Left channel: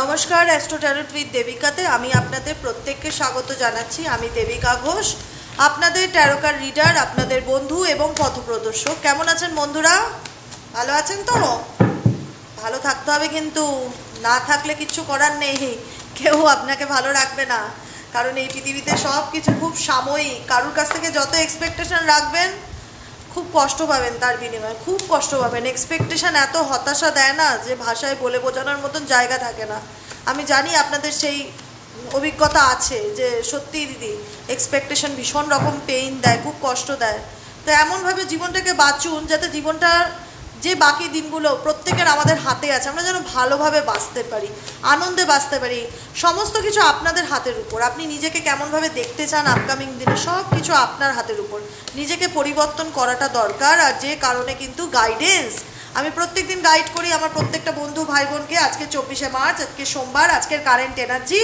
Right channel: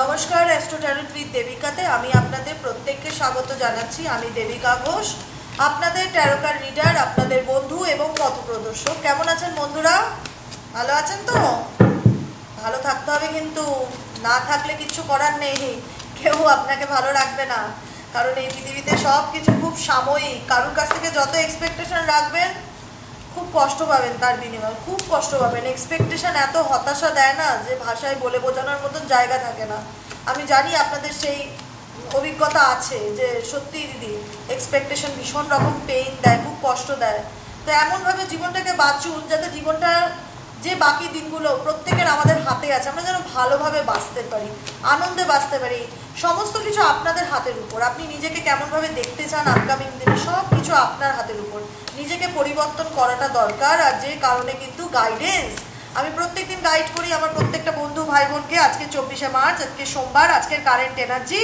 নমস্কার, astro tarot with দেবিকাতে আমি আপনাদের প্রত্যেককে স্বাগত জানাচ্ছি। আমি দেবিকা ঘোষ, আপনাদের ট্যারোকার রিডার, আপনাদের বন্ধু এবং পথপ্রদর্শক। কেমন আছেন বন্ধুরা? ভালো আছেন তো? ভালো থাকতে হবে, কিন্তু না থাকলে কিছু করার নেই, কেউ আপনাকে ভালো রাখবে না। কারণ এই পৃথিবীতে সব কিছু খুব সাময়িক। কারোর কাছ থেকে যত এক্সপেকটেশন রাখবেন খুব কষ্ট পাবেন, তার বিনিময়ে খুব কষ্ট পাবেন। এক্সপেকটেশন এত হতাশা দেয় না যে ভাষায় বলে বোঝানোর মতন জায়গা থাকে না। আমি জানি আপনাদের সেই অভিজ্ঞতা আছে যে সত্যি দিদি এক্সপেকটেশন ভীষণ রকম পেইন দেয়, খুব কষ্ট দেয়। তো এমনভাবে জীবনটাকে বাঁচুন যাতে জীবনটা যে বাকি দিনগুলো প্রত্যেকের আমাদের হাতে আছে, আমরা যেন ভালোভাবে বাঁচতে পারি, আনন্দে বাঁচতে পারি। সমস্ত কিছু আপনাদের হাতের উপর। আপনি নিজেকে কেমনভাবে দেখতে চান আপকামিং দিনে, সব কিছু আপনার হাতের উপর। নিজেকে পরিবর্তন করাটা দরকার। আর যে কারণে কিন্তু গাইডেন্স, আমি প্রত্যেকদিন গাইড করি আমার প্রত্যেকটা বন্ধু ভাই বোনকে। আজকে 24শে মার্চ, আজকে সোমবার, আজকের কারেন্ট এনার্জি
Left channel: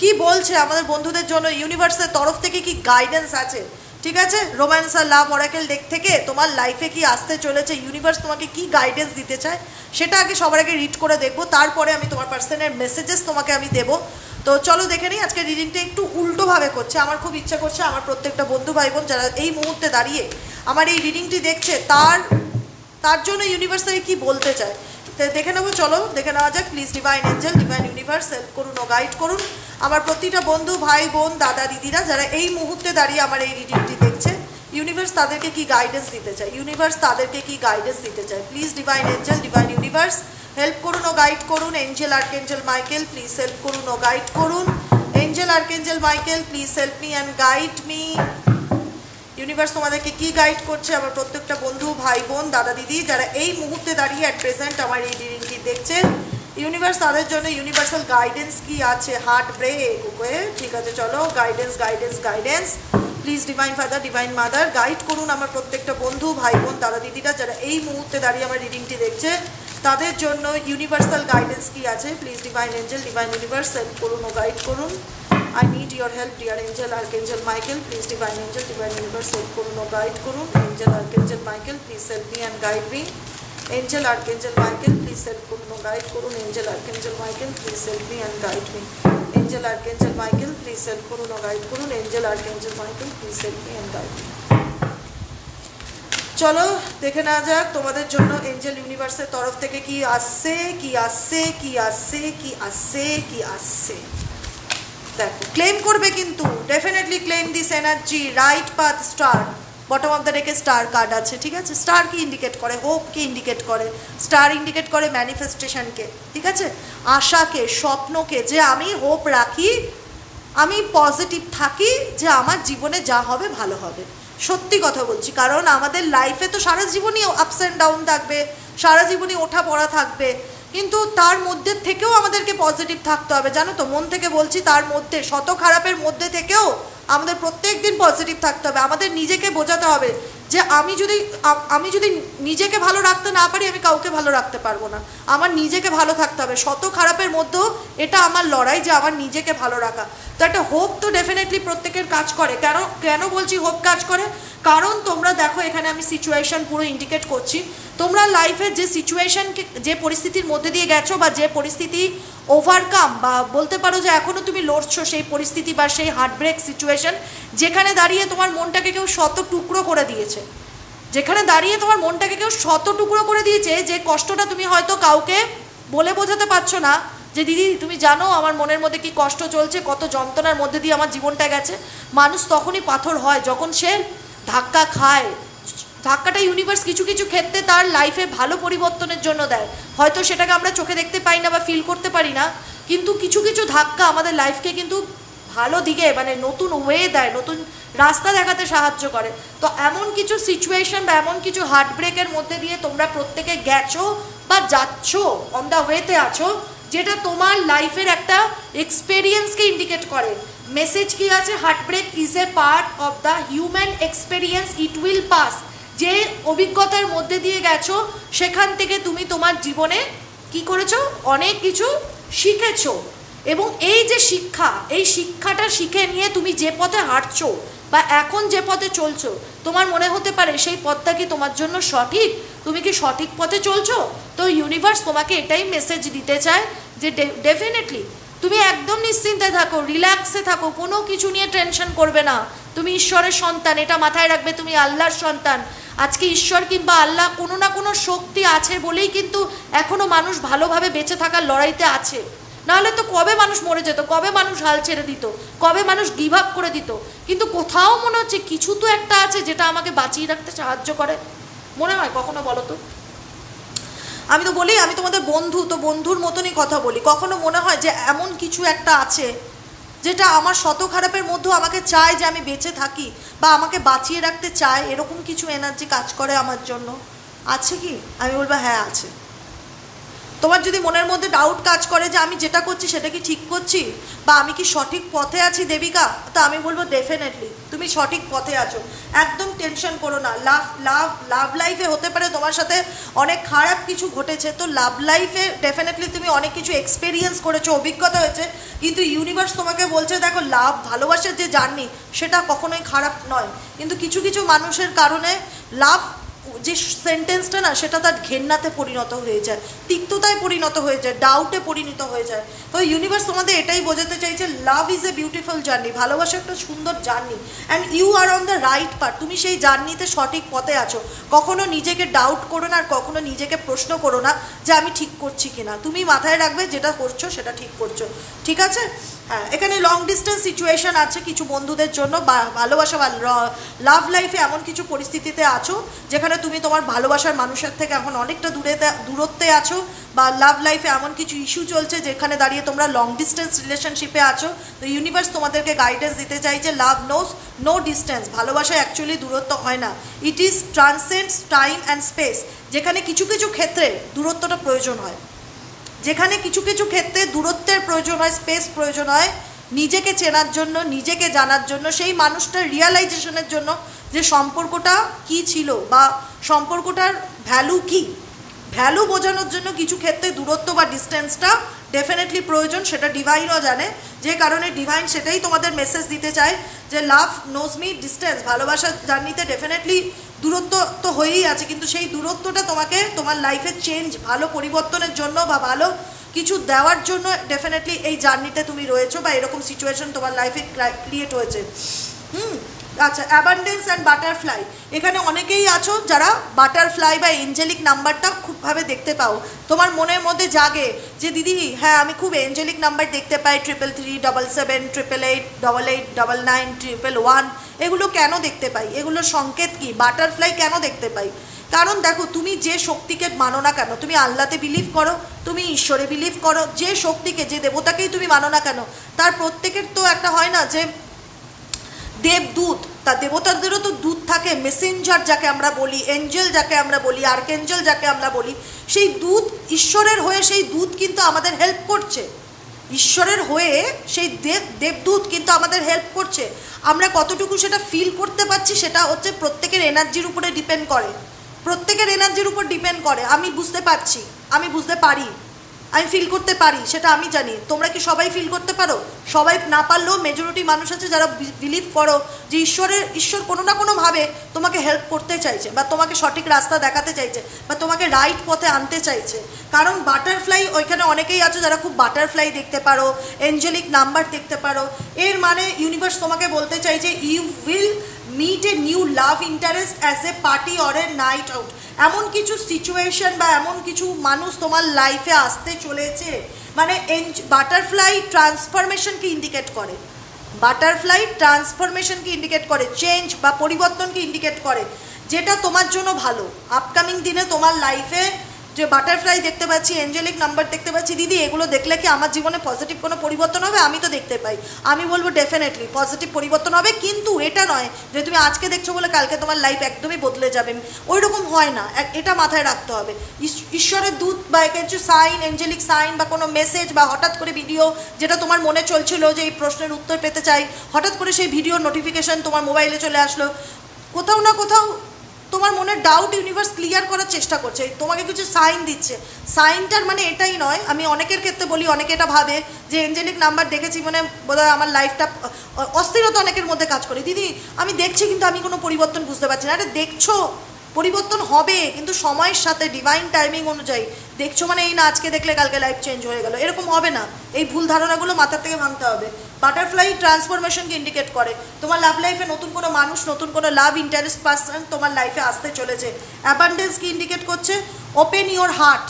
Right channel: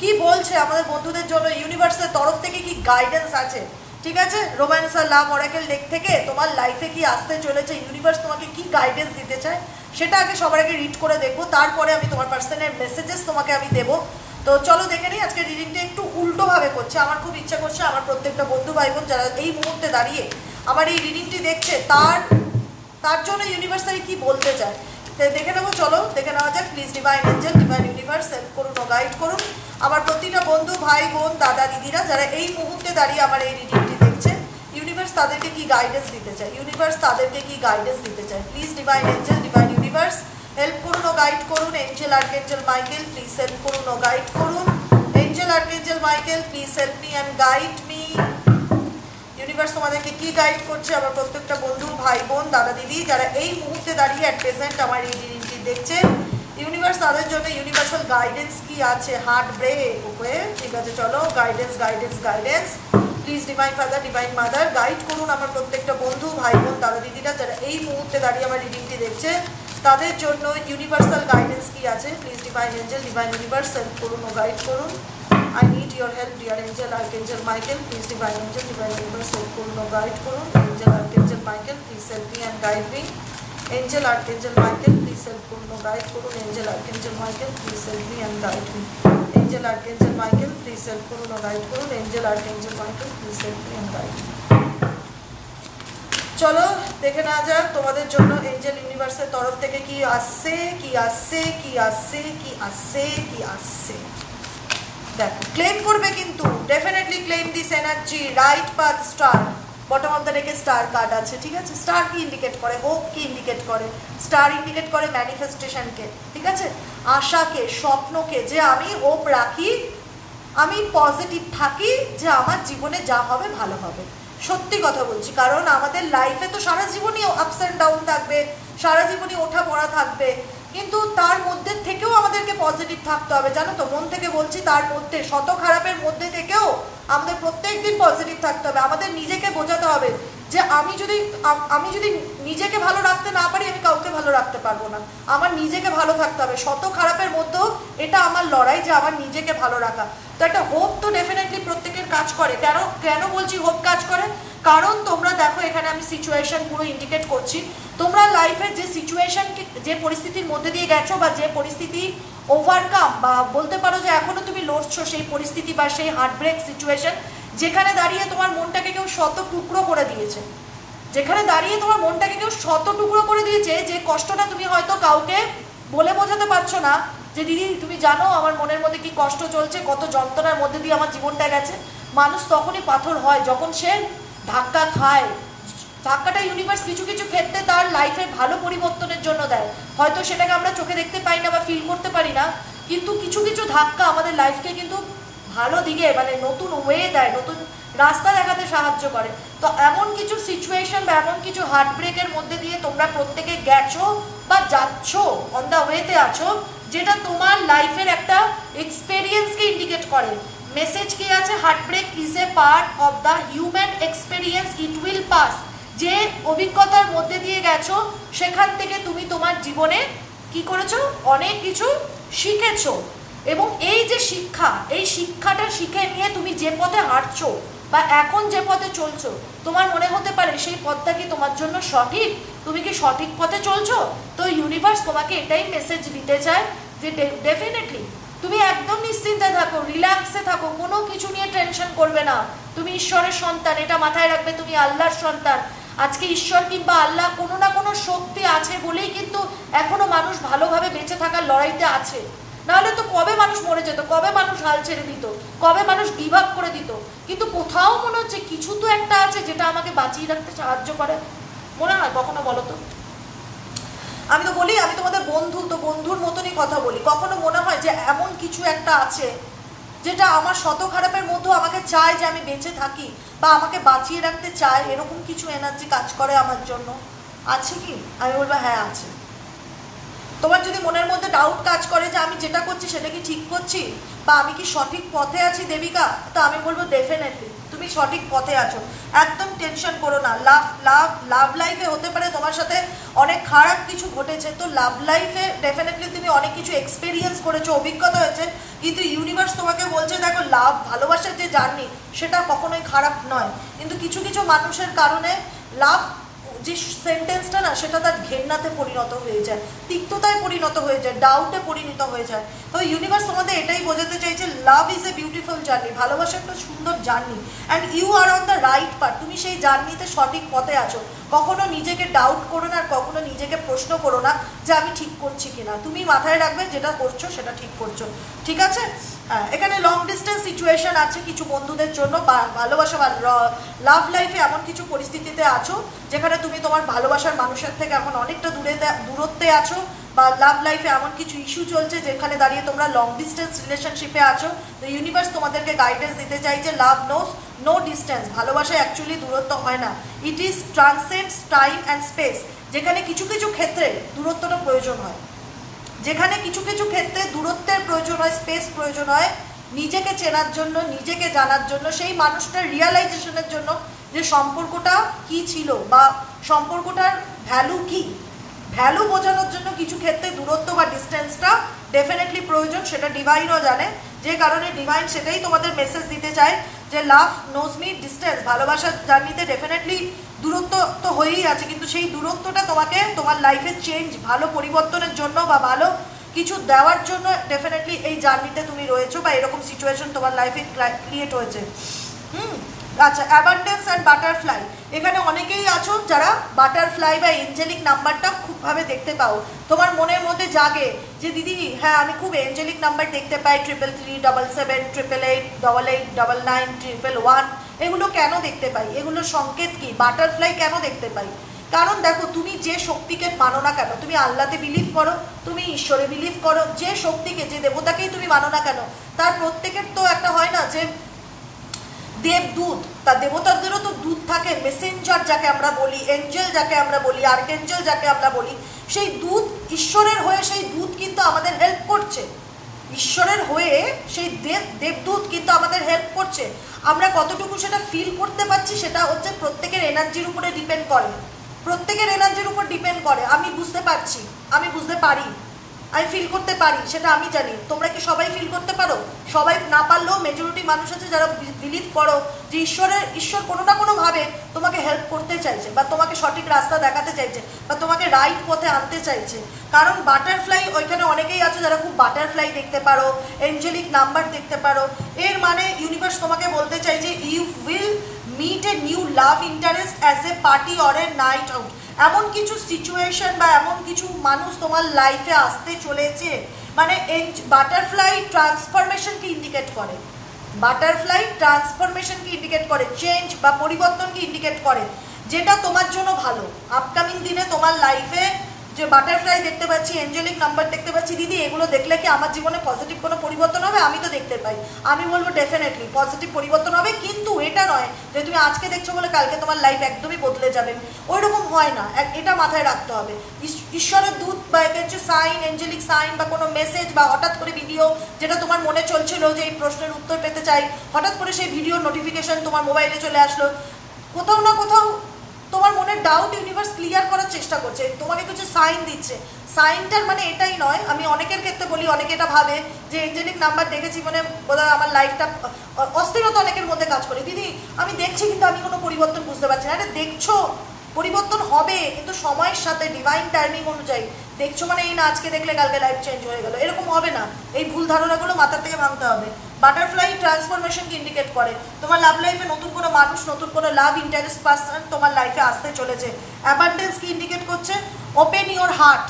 কি বলছে আমাদের বন্ধুদের জন্য, ইউনিভার্সের তরফ থেকে কি গাইডেন্স আছে, ঠিক আছে? রোম্যান্স আর লাভ অরাকেল ডেক থেকে তোমার লাইফে কি আসতে চলেছে, ইউনিভার্স তোমাকে কি গাইডেন্স দিতে চায়, সেটা আগে সবার আগে রিড করে দেখবো। তারপরে আমি তোমার পার্সনের মেসেজেস তোমাকে আমি দেবো। তো চলো দেখে নিই। আজকে রিডিংটা একটু উল্টোভাবে করছে। আমার খুব ইচ্ছা করছে আমার প্রত্যেকটা বন্ধু ভাই বোন যারা এই মুহূর্তে দাঁড়িয়ে আমার এই রিডিংটি দেখছে তার জন্য ইউনিভার্সালি কি বলতে চায় দেখে নেবো। চলো দেখে নেওয়া যাক। Please divine angel, divine universe help করুন ও গাইড করুন আমার প্রতিটা বন্ধু ভাই বোন দাদা দিদিরা যারা এই মুহূর্তে দাঁড়িয়ে আমার এই রিডিংটি দেখছে। ইউনিভার্স তাদেরকে কি গাইডেন্স দিতে চায়, ইউনিভার্স তাদেরকে কি গাইডেন্স দিতে চায়। Please divine angel, divine universe help করুন ও গাইড করুন। Angel archangel Michael please help করুন ও গাইড করুন। Angel archangel Michael please help me and guide me. Universe তোমাদেরকে কি গাইড করছে আমার প্রত্যেকটা বন্ধু ভাই বোন দাদা দিদি যারা এই মুহূর্তে দাঁড়িয়ে অ্যাট প্রেজেন্ট আমার এই রিডিংটি দেখছে। ইউনিভার্স তাদের জন্য ইউনিভার্সাল গাইডেন্স কি আছে। হার্ট ব্রেক, ওকে ঠিক আছে। চলো guidance guidance guidance please divine father, divine mother guide করুন আমার প্রত্যেকটা বন্ধু ভাই বোন দাদা দিদিরা যারা এই মুহূর্তে দাঁড়িয়ে আমার রিডিংটি দেখছে। তাদের জন্য ইউনিভার্সাল গাইডেন্স কি আছে। Please divine angel, divine universe help করুন ও গাইড করুন। I need your help, dear angel, archangel Michael. Please, divine angel, divine universe, help করুন ও guide করুন। Angel, archangel Michael, please help me and guide me. Angel, archangel Michael, please help করুন ও guide করুন। Angel, archangel Michael, please help me and guide me. Angel, archangel Michael, please help করুন ও guide করুন। Angel, archangel Michael, please help me and guide me. চলো দেখে নেওয়া যাক তোমাদের জন্য এঞ্জেল ইউনিভার্সের তরফ থেকে কি আসছে, কি আসছে, কি আসছে, কি আসছে, কি আসছে। দেখো ক্লেম করবে কিন্তু, definitely claim this energy. Right path star, bottom of the ডেকে স্টার কার্ড আছে, ঠিক আছে? স্টার কি ইন্ডিকেট করে? হোপ কি ইন্ডিকেট করে? স্টার ইন্ডিকেট করে ম্যানিফেস্টেশনকে, ঠিক আছে? আশাকে, স্বপ্নকে, যে আমি হোপ রাখি, আমি পজিটিভ থাকি যে আমার জীবনে যা হবে ভালো হবে। সত্যি কথা বলছি, কারণ আমাদের লাইফে তো সারা জীবনই আপস অ্যান্ড ডাউন থাকবে, সারা জীবনই ওঠা পড়া থাকবে, কিন্তু তার মধ্যে থেকেও আমাদেরকে পজিটিভ থাকতে হবে, জানো তো? মন থেকে বলছি, তার মধ্যে শত খারাপের মধ্যে থেকেও আমাদের প্রত্যেক দিন পজিটিভ থাকতে হবে। আমাদের নিজেকে বোঝাতে হবে যে আমি যদি নিজেকে ভালো রাখতে না পারি আমি কাউকে ভালো রাখতে পারবো না। আমার নিজেকে ভালো থাকতে হবে শত খারাপের মধ্যেও। এটা আমার লড়াই যে আমার নিজেকে ভালো রাখা। তো একটা হোপ তো ডেফিনেটলি প্রত্যেকের কাজ করে। কেন বলছি হোপ কাজ করে? কারণ তোমরা দেখো এখানে আমি সিচুয়েশন পুরো ইন্ডিকেট করছি। তোমরা লাইফের যে সিচুয়েশন, যে পরিস্থিতির মধ্যে দিয়ে গেছো বা যে পরিস্থিতি ওভারকাম, বা বলতে পারো যে এখনো তুমি লড়ছো সেই পরিস্থিতি বা সেই হার্টব্রেক সিচুয়েশন, যেখানে দাঁড়িয়ে তোমার মনটাকে কেউ শত টুকরো করে দিয়েছে, যেখানে দাঁড়িয়ে তোমার মনটাকে কেউ শত টুকরো করে দিয়েছে, যে কষ্টটা তুমি হয়তো কাউকে বলে বোঝাতে পারছো না যে দিদি তুমি জানো আমার মনের মধ্যে কি কষ্ট চলছে, কত যন্ত্রণার মধ্যে দিয়ে আমার জীবনটা গেছে। মানুষ তখনই পাথর হয় যখন সে ধাক্কা খায়। ধাক্কাটা ইউনিভার্স কিছু কিছু ক্ষেত্রে তার লাইফে ভালো পরিবর্তনের জন্য দেয়। হয়তো সেটাকে আমরা চোখে দেখতে পাই না বা ফিল করতে পারি না, কিন্তু কিছু কিছু ধাক্কা আমাদের লাইফকে কিন্তু ভালো দিকে, মানে নতুন ওয়ে দেয়, নতুন রাস্তা দেখাতে সাহায্য করে। তো এমন কিছু সিচুয়েশন বা এমন কিছু হার্টব্রেকের মধ্যে দিয়ে তোমরা প্রত্যেকে গেছো বা যাচ্ছ, অন দ্য ওয়েতে আছো, যেটা তোমার লাইফের একটা এক্সপেরিয়েন্সকে ইন্ডিকেট করে। মেসেজ কি আছে? Heartbreak is a part of the human experience, it will pass. যে অভিজ্ঞতার মধ্যে দিয়ে গেছো সেখান থেকে তুমি তোমার জীবনে কি করেছো? অনেক কিছু শিখেছো। এবং এই যে শিক্ষা, এই শিক্ষাটা শিখে নিয়ে তুমি যে পথে হাঁটছো বা এখন যে পথে চলছো, তোমার মনে হতে পারে সেই পথটা কি তোমার জন্য সঠিক, তুমি কি সঠিক পথে চলছো? তো ইউনিভার্স তোমাকে এটাই মেসেজ দিতে চায় যে ডেফিনেটলি তুমি একদম নিশ্চিন্তে থাকো, রিল্যাক্সে থাকো, কোনো কিছু নিয়ে টেনশন করবে না। তুমি ঈশ্বরের সন্তান, এটা মাথায় রাখবে, তুমি আল্লাহর সন্তান। আজকে ঈশ্বর কিংবা আল্লাহ কোনো না কোনো শক্তি আছে বলেই কিন্তু এখনো মানুষ ভালোভাবে বেঁচে থাকার লড়াইতে আছে। নাহলে তো কবে মানুষ মরে যেত, কবে মানুষ হাল ছেড়ে দিত, কবে মানুষ গিভ আপ করে দিত। কিন্তু কোথাও মনে হচ্ছে কিছু তো একটা আছে যেটা আমাকে বাঁচিয়ে রাখতে সাহায্য করে। মনে হয় কখনো বলো তো? আমি তো বলি আমি তোমাদের বন্ধু, তো বন্ধুর মতনই কথা বলি। কখনো মনে হয় যে এমন কিছু একটা আছে যেটা আমার শত খারাপের মধ্যেও আমাকে চায় যে আমি বেঁচে থাকি, বা আমাকে বাঁচিয়ে রাখতে চায়, এরকম কিছু এনার্জি কাজ করে আমার জন্য? আছে কি? আমি বলবো হ্যাঁ আছে। তোমার যদি মনের মধ্যে ডাউট কাজ করে যে আমি যেটা করছি সেটা কি ঠিক করছি, বা আমি কি সঠিক পথে আছি দেবিকা, তো আমি বলবো ডেফিনেটলি তুমি সঠিক পথে আছো। একদম টেনশন করো না। লাভ লাইফে হতে পারে তোমার সাথে অনেক খারাপ কিছু ঘটেছে, তো লাভ লাইফে ডেফিনেটলি তুমি অনেক কিছু এক্সপিরিয়েন্স করেছো, অভিজ্ঞতা হয়েছে, কিন্তু ইউনিভার্স তোমাকে বলছে দেখো ভালোবাসার যে জার্নি সেটা কখনোই খারাপ নয়, কিন্তু কিছু কিছু মানুষের কারণে লাভ যে সেন্টেন্সটা না সেটা তার ঘেন্নাতে পরিণত হয়ে যায়, তিক্ততায় পরিণত হয়ে যায়, ডাউটে পরিণত হয়ে যায়। তো ইউনিভার্স তোমাদের এটাই বোঝাতে চাইছে love is a beautiful journey, ভালোবাসা একটা সুন্দর journey, and you are on the right path. তুমি সেই জার্নিতে সঠিক পথে আছো। কখনো নিজেকে ডাউট করো না, আর কখনো নিজেকে প্রশ্ন করো না যে আমি ঠিক করছি কিনা। তুমি মাথায় রাখবে যেটা করছো সেটা ঠিক করছো, ঠিক আছে? হ্যাঁ, এখানে লং ডিস্টেন্স সিচুয়েশন আছে কিছু বন্ধুদের জন্য, বা ভালোবাসা বা লাভ লাইফে এমন কিছু পরিস্থিতিতে আছো যেখানে তুমি তোমার ভালোবাসার মানুষের থেকে এখন অনেকটা দূরত্বে আছো, বা লাভ লাইফে এমন কিছু ইস্যু চলছে যেখানে দাঁড়িয়ে তোমরা লং ডিস্টেন্স রিলেশনশিপে আছো। তো ইউনিভার্স তোমাদেরকে গাইডেন্স দিতে চাইছে লাভ নোস নো ডিস্টেন্স। ভালোবাসা অ্যাকচুয়ালি দূরত্ব হয় না, it is transcends time and space. যেখানে কিছু কিছু ক্ষেত্রে দূরত্বটা প্রয়োজন হয়, যেখানে কিছু কিছু ক্ষেত্রে দূরত্বের প্রয়োজন হয়, স্পেস প্রয়োজন হয় নিজেকে চেনার জন্য, নিজেকে জানার জন্য, সেই মানুষটার রিয়ালাইজেশনের জন্য যে সম্পর্কটা কি ছিল বা সম্পর্কটার ভ্যালু কি, ভ্যালু বোঝানোর জন্য কিছু ক্ষেত্রে দূরত্ব বা ডিস্টেন্সটা ডেফিনেটলি প্রয়োজন। সেটা ডিভাইনও জানে, যে কারণে ডিভাইন সেটাই তোমাদের মেসেজ দিতে চায় যে লাভ নোজ মি ডিস্টেন্স। ভালোবাসার জার্নিতে ডেফিনেটলি দূরত্ব তো হয়েই আছে, কিন্তু সেই দূরত্বটা তোমাকে তোমার লাইফের চেঞ্জ, ভালো পরিবর্তনের জন্য বা ভালো কিছু দেওয়ার জন্য ডেফিনেটলি এই জার্নিতে তুমি রয়েছো, বা এরকম সিচুয়েশন তোমার লাইফে ক্রিয়েট হয়েছে। আচ্ছা, অ্যাবান্ডেন্স অ্যান্ড বাটারফ্লাই। এখানে অনেকেই আছো যারা বাটারফ্লাই বা এঞ্জেলিক নাম্বারটা খুবভাবে দেখতে পাও। তোমার মনের মধ্যে জাগে যে দিদি হ্যাঁ আমি খুব এঞ্জেলিক নাম্বার দেখতে পাই, 333, 77, 888, 88, 99, 111। এগুলো কেন দেখতে পাই? এগুলোর সংকেত কি? বাটারফ্লাই কেন দেখতে পাই? কারণ দেখো, তুমি যে শক্তিকে মানো না কেন, তুমি আল্লাহতে বিলিভ করো, তুমি ঈশ্বরে বিলিভ করো, যে শক্তিকে, যে দেবতাকেই তুমি মানো না কেন, তার প্রত্যেকের তো একটা হয় না যে দেবদূত, তা দেবতাদেরও তো দূত থাকে, মেসেঞ্জার যাকে আমরা বলি, এঞ্জেল যাকে আমরা বলি, আর্কেঞ্জেল যাকে আমরা বলি, সেই দূত ঈশ্বরের হয়ে, সেই দূত কিন্তু আমাদের হেল্প করছে। ঈশ্বরের হয়ে সেই দেবদূত কিন্তু আমাদের হেল্প করছে। আমরা কতটুকু সেটা ফিল করতে পারছি সেটা হচ্ছে প্রত্যেকের এনার্জির উপরে ডিপেন্ড করে, প্রত্যেকের এনার্জির উপর ডিপেন্ড করে। আমি বুঝতে পারছি, আমি বুঝতে পারি, আমি ফিল করতে পারি, সেটা আমি জানি। তোমরা কি সবাই ফিল করতে পারো? সবাই না পারলেও মেজরিটি মানুষ আছে যারা বিলিভ করো যে ঈশ্বর কোনো না কোনোভাবে তোমাকে হেল্প করতে চাইছে, বা তোমাকে সঠিক রাস্তা দেখাতে চাইছে, বা তোমাকে রাইট পথে আনতে চাইছে। কারণ বাটারফ্লাই, ওইখানে অনেকেই আছে যারা খুব বাটারফ্লাই দেখতে পারো, এঞ্জেলিক নাম্বার দেখতে পারো। এর মানে ইউনিভার্স তোমাকে বলতে চাইছে you will meet a new love interest as a party or a night out। এমন কিছু সিচুয়েশন বা এমন কিছু মানুষ তোমার লাইফে আসতে চলেছে, মানে বাটারফ্লাই ট্রান্সফরমেশনকে ইন্ডিকেট করে, বাটারফ্লাই ট্রান্সফরমেশনকে ইন্ডিকেট করে, চেঞ্জ বা পরিবর্তনকে ইন্ডিকেট করে, যেটা তোমার জন্য ভালো। আপকামিং দিনে তোমার লাইফে যে বাটারফ্লাই দেখতে পাচ্ছি, এঞ্জেলিক নাম্বার দেখতে পাচ্ছি, দিদি এগুলো দেখলে কি আমার জীবনে পজিটিভ কোনো পরিবর্তন হবে? আমি তো দেখতে পাই, আমি বলবো ডেফিনেটলি পজিটিভ পরিবর্তন হবে। কিন্তু এটা নয় যে তুমি আজকে দেখছো বলে কালকে তোমার লাইফ একদমই বদলে যাবে, ওই রকম হয় না, এটা মাথায় রাখতে হবে। ঈশ্বরের দূত বা কিছু সাইন, এঞ্জেলিক সাইন বা কোনো মেসেজ বা হঠাৎ করে ভিডিও যেটা তোমার মনে চলছিল যে এই প্রশ্নের উত্তর পেতে চাই, হঠাৎ করে সেই ভিডিওর নোটিফিকেশন তোমার মোবাইলে চলে আসলো, কোথাও না কোথাও তোমার মনের ডাউট ইউনিভার্স ক্লিয়ার করার চেষ্টা করছে, তোমাকে কিছু সাইন দিচ্ছে। সাইনটার মানে এটাই নয়, আমি অনেকের ক্ষেত্রে বলি, অনেকে এটা ভাবে যে এঞ্জেলিক নাম্বার দেখেছি মানে বোধহয় আমার লাইফটা, অস্থিরতা অনেকের মধ্যে কাজ করে, দিদি আমি দেখছি কিন্তু আমি কোনো পরিবর্তন বুঝতে পারছি না। আরে দেখছো, পরিবর্তন হবে, কিন্তু সময়ের সাথে ডিভাইন টাইমিং অনুযায়ী। দেখছো মানে এই না আজকে দেখলে কালকে লাইফ চেঞ্জ হয়ে গেল, এরকম হবে না। এই ভুল ধারণাগুলো মাথার থেকে ভাঙতে হবে। বাটারফ্লাই ট্রান্সফরমেশনকে ইন্ডিকেট করে। তোমার লাভ লাইফে নতুন কোনো মানুষ, নতুন কোনো লাভ ইন্টারেস্ট পার্সন তোমার লাইফে আসতে চলেছে। অ্যাবান্ডেন্স কি ইন্ডিকেট করছে? Open your heart.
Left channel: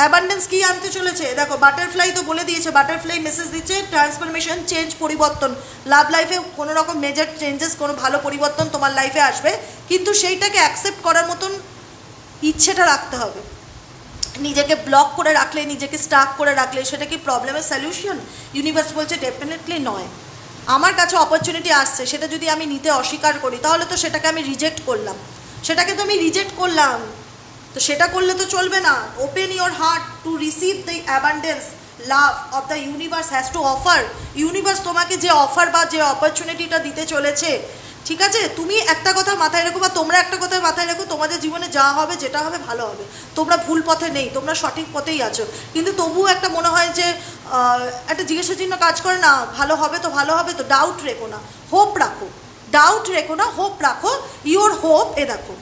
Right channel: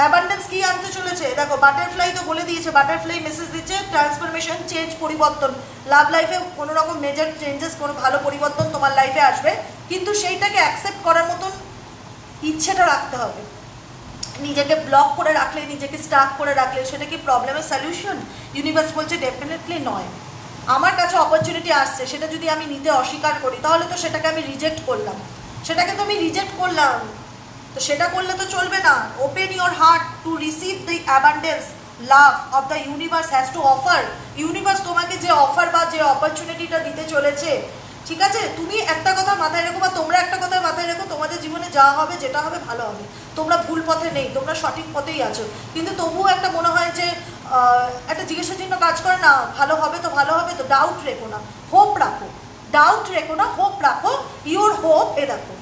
অ্যাবান্ডেন্স কি আনতে চলেছে? দেখো বাটারফ্লাই তো বলে দিয়েছে, বাটারফ্লাই মেসেজ দিচ্ছে ট্রান্সফরমেশন, চেঞ্জ, পরিবর্তন। লাভ লাইফে কোনো রকম মেজর চেঞ্জেস, কোনো ভালো পরিবর্তন তোমার লাইফে আসবে, কিন্তু সেইটাকে অ্যাকসেপ্ট করার মতন ইচ্ছেটা রাখতে হবে। নিজেকে ব্লক করে রাখলে, নিজেকে স্টাক করে রাখলে সেটা কি প্রবলেমের সলিউশন? ইউনিভার্স বলছে ডেফিনেটলি নয়। আমার কাছে অপরচুনিটি আসছে, সেটা যদি আমি নিতে অস্বীকার করি তাহলে তো সেটাকে আমি রিজেক্ট করলাম, সেটাকে তো আমি রিজেক্ট করলাম, তো সেটা করলে তো চলবে না। Open your heart to receive the abundance love of the universe has to offer. Universe তোমাকে যে অফার বা যে অপরচুনিটিটা দিতে চলেছে, ঠিক আছে, তুমি একটা কথা মাথায় রেখো, বা তোমরা একটা কথা মাথায় রেখো, তোমাদের জীবনে যা হবে যেটা হবে ভালো হবে। তোমরা ভুল পথে নেই, তোমরা সঠিক পথেই আছো, কিন্তু তবুও একটা মনে হয় যে একটা জিজ্ঞাসা চিহ্ন কাজ করে না, ভালো হবে তো, ভালো হবে তো। ডাউট রেখো না, হোপ রাখো। ডাউট রেখো না, হোপ রাখো। ইওর হোপ, এ দেখো,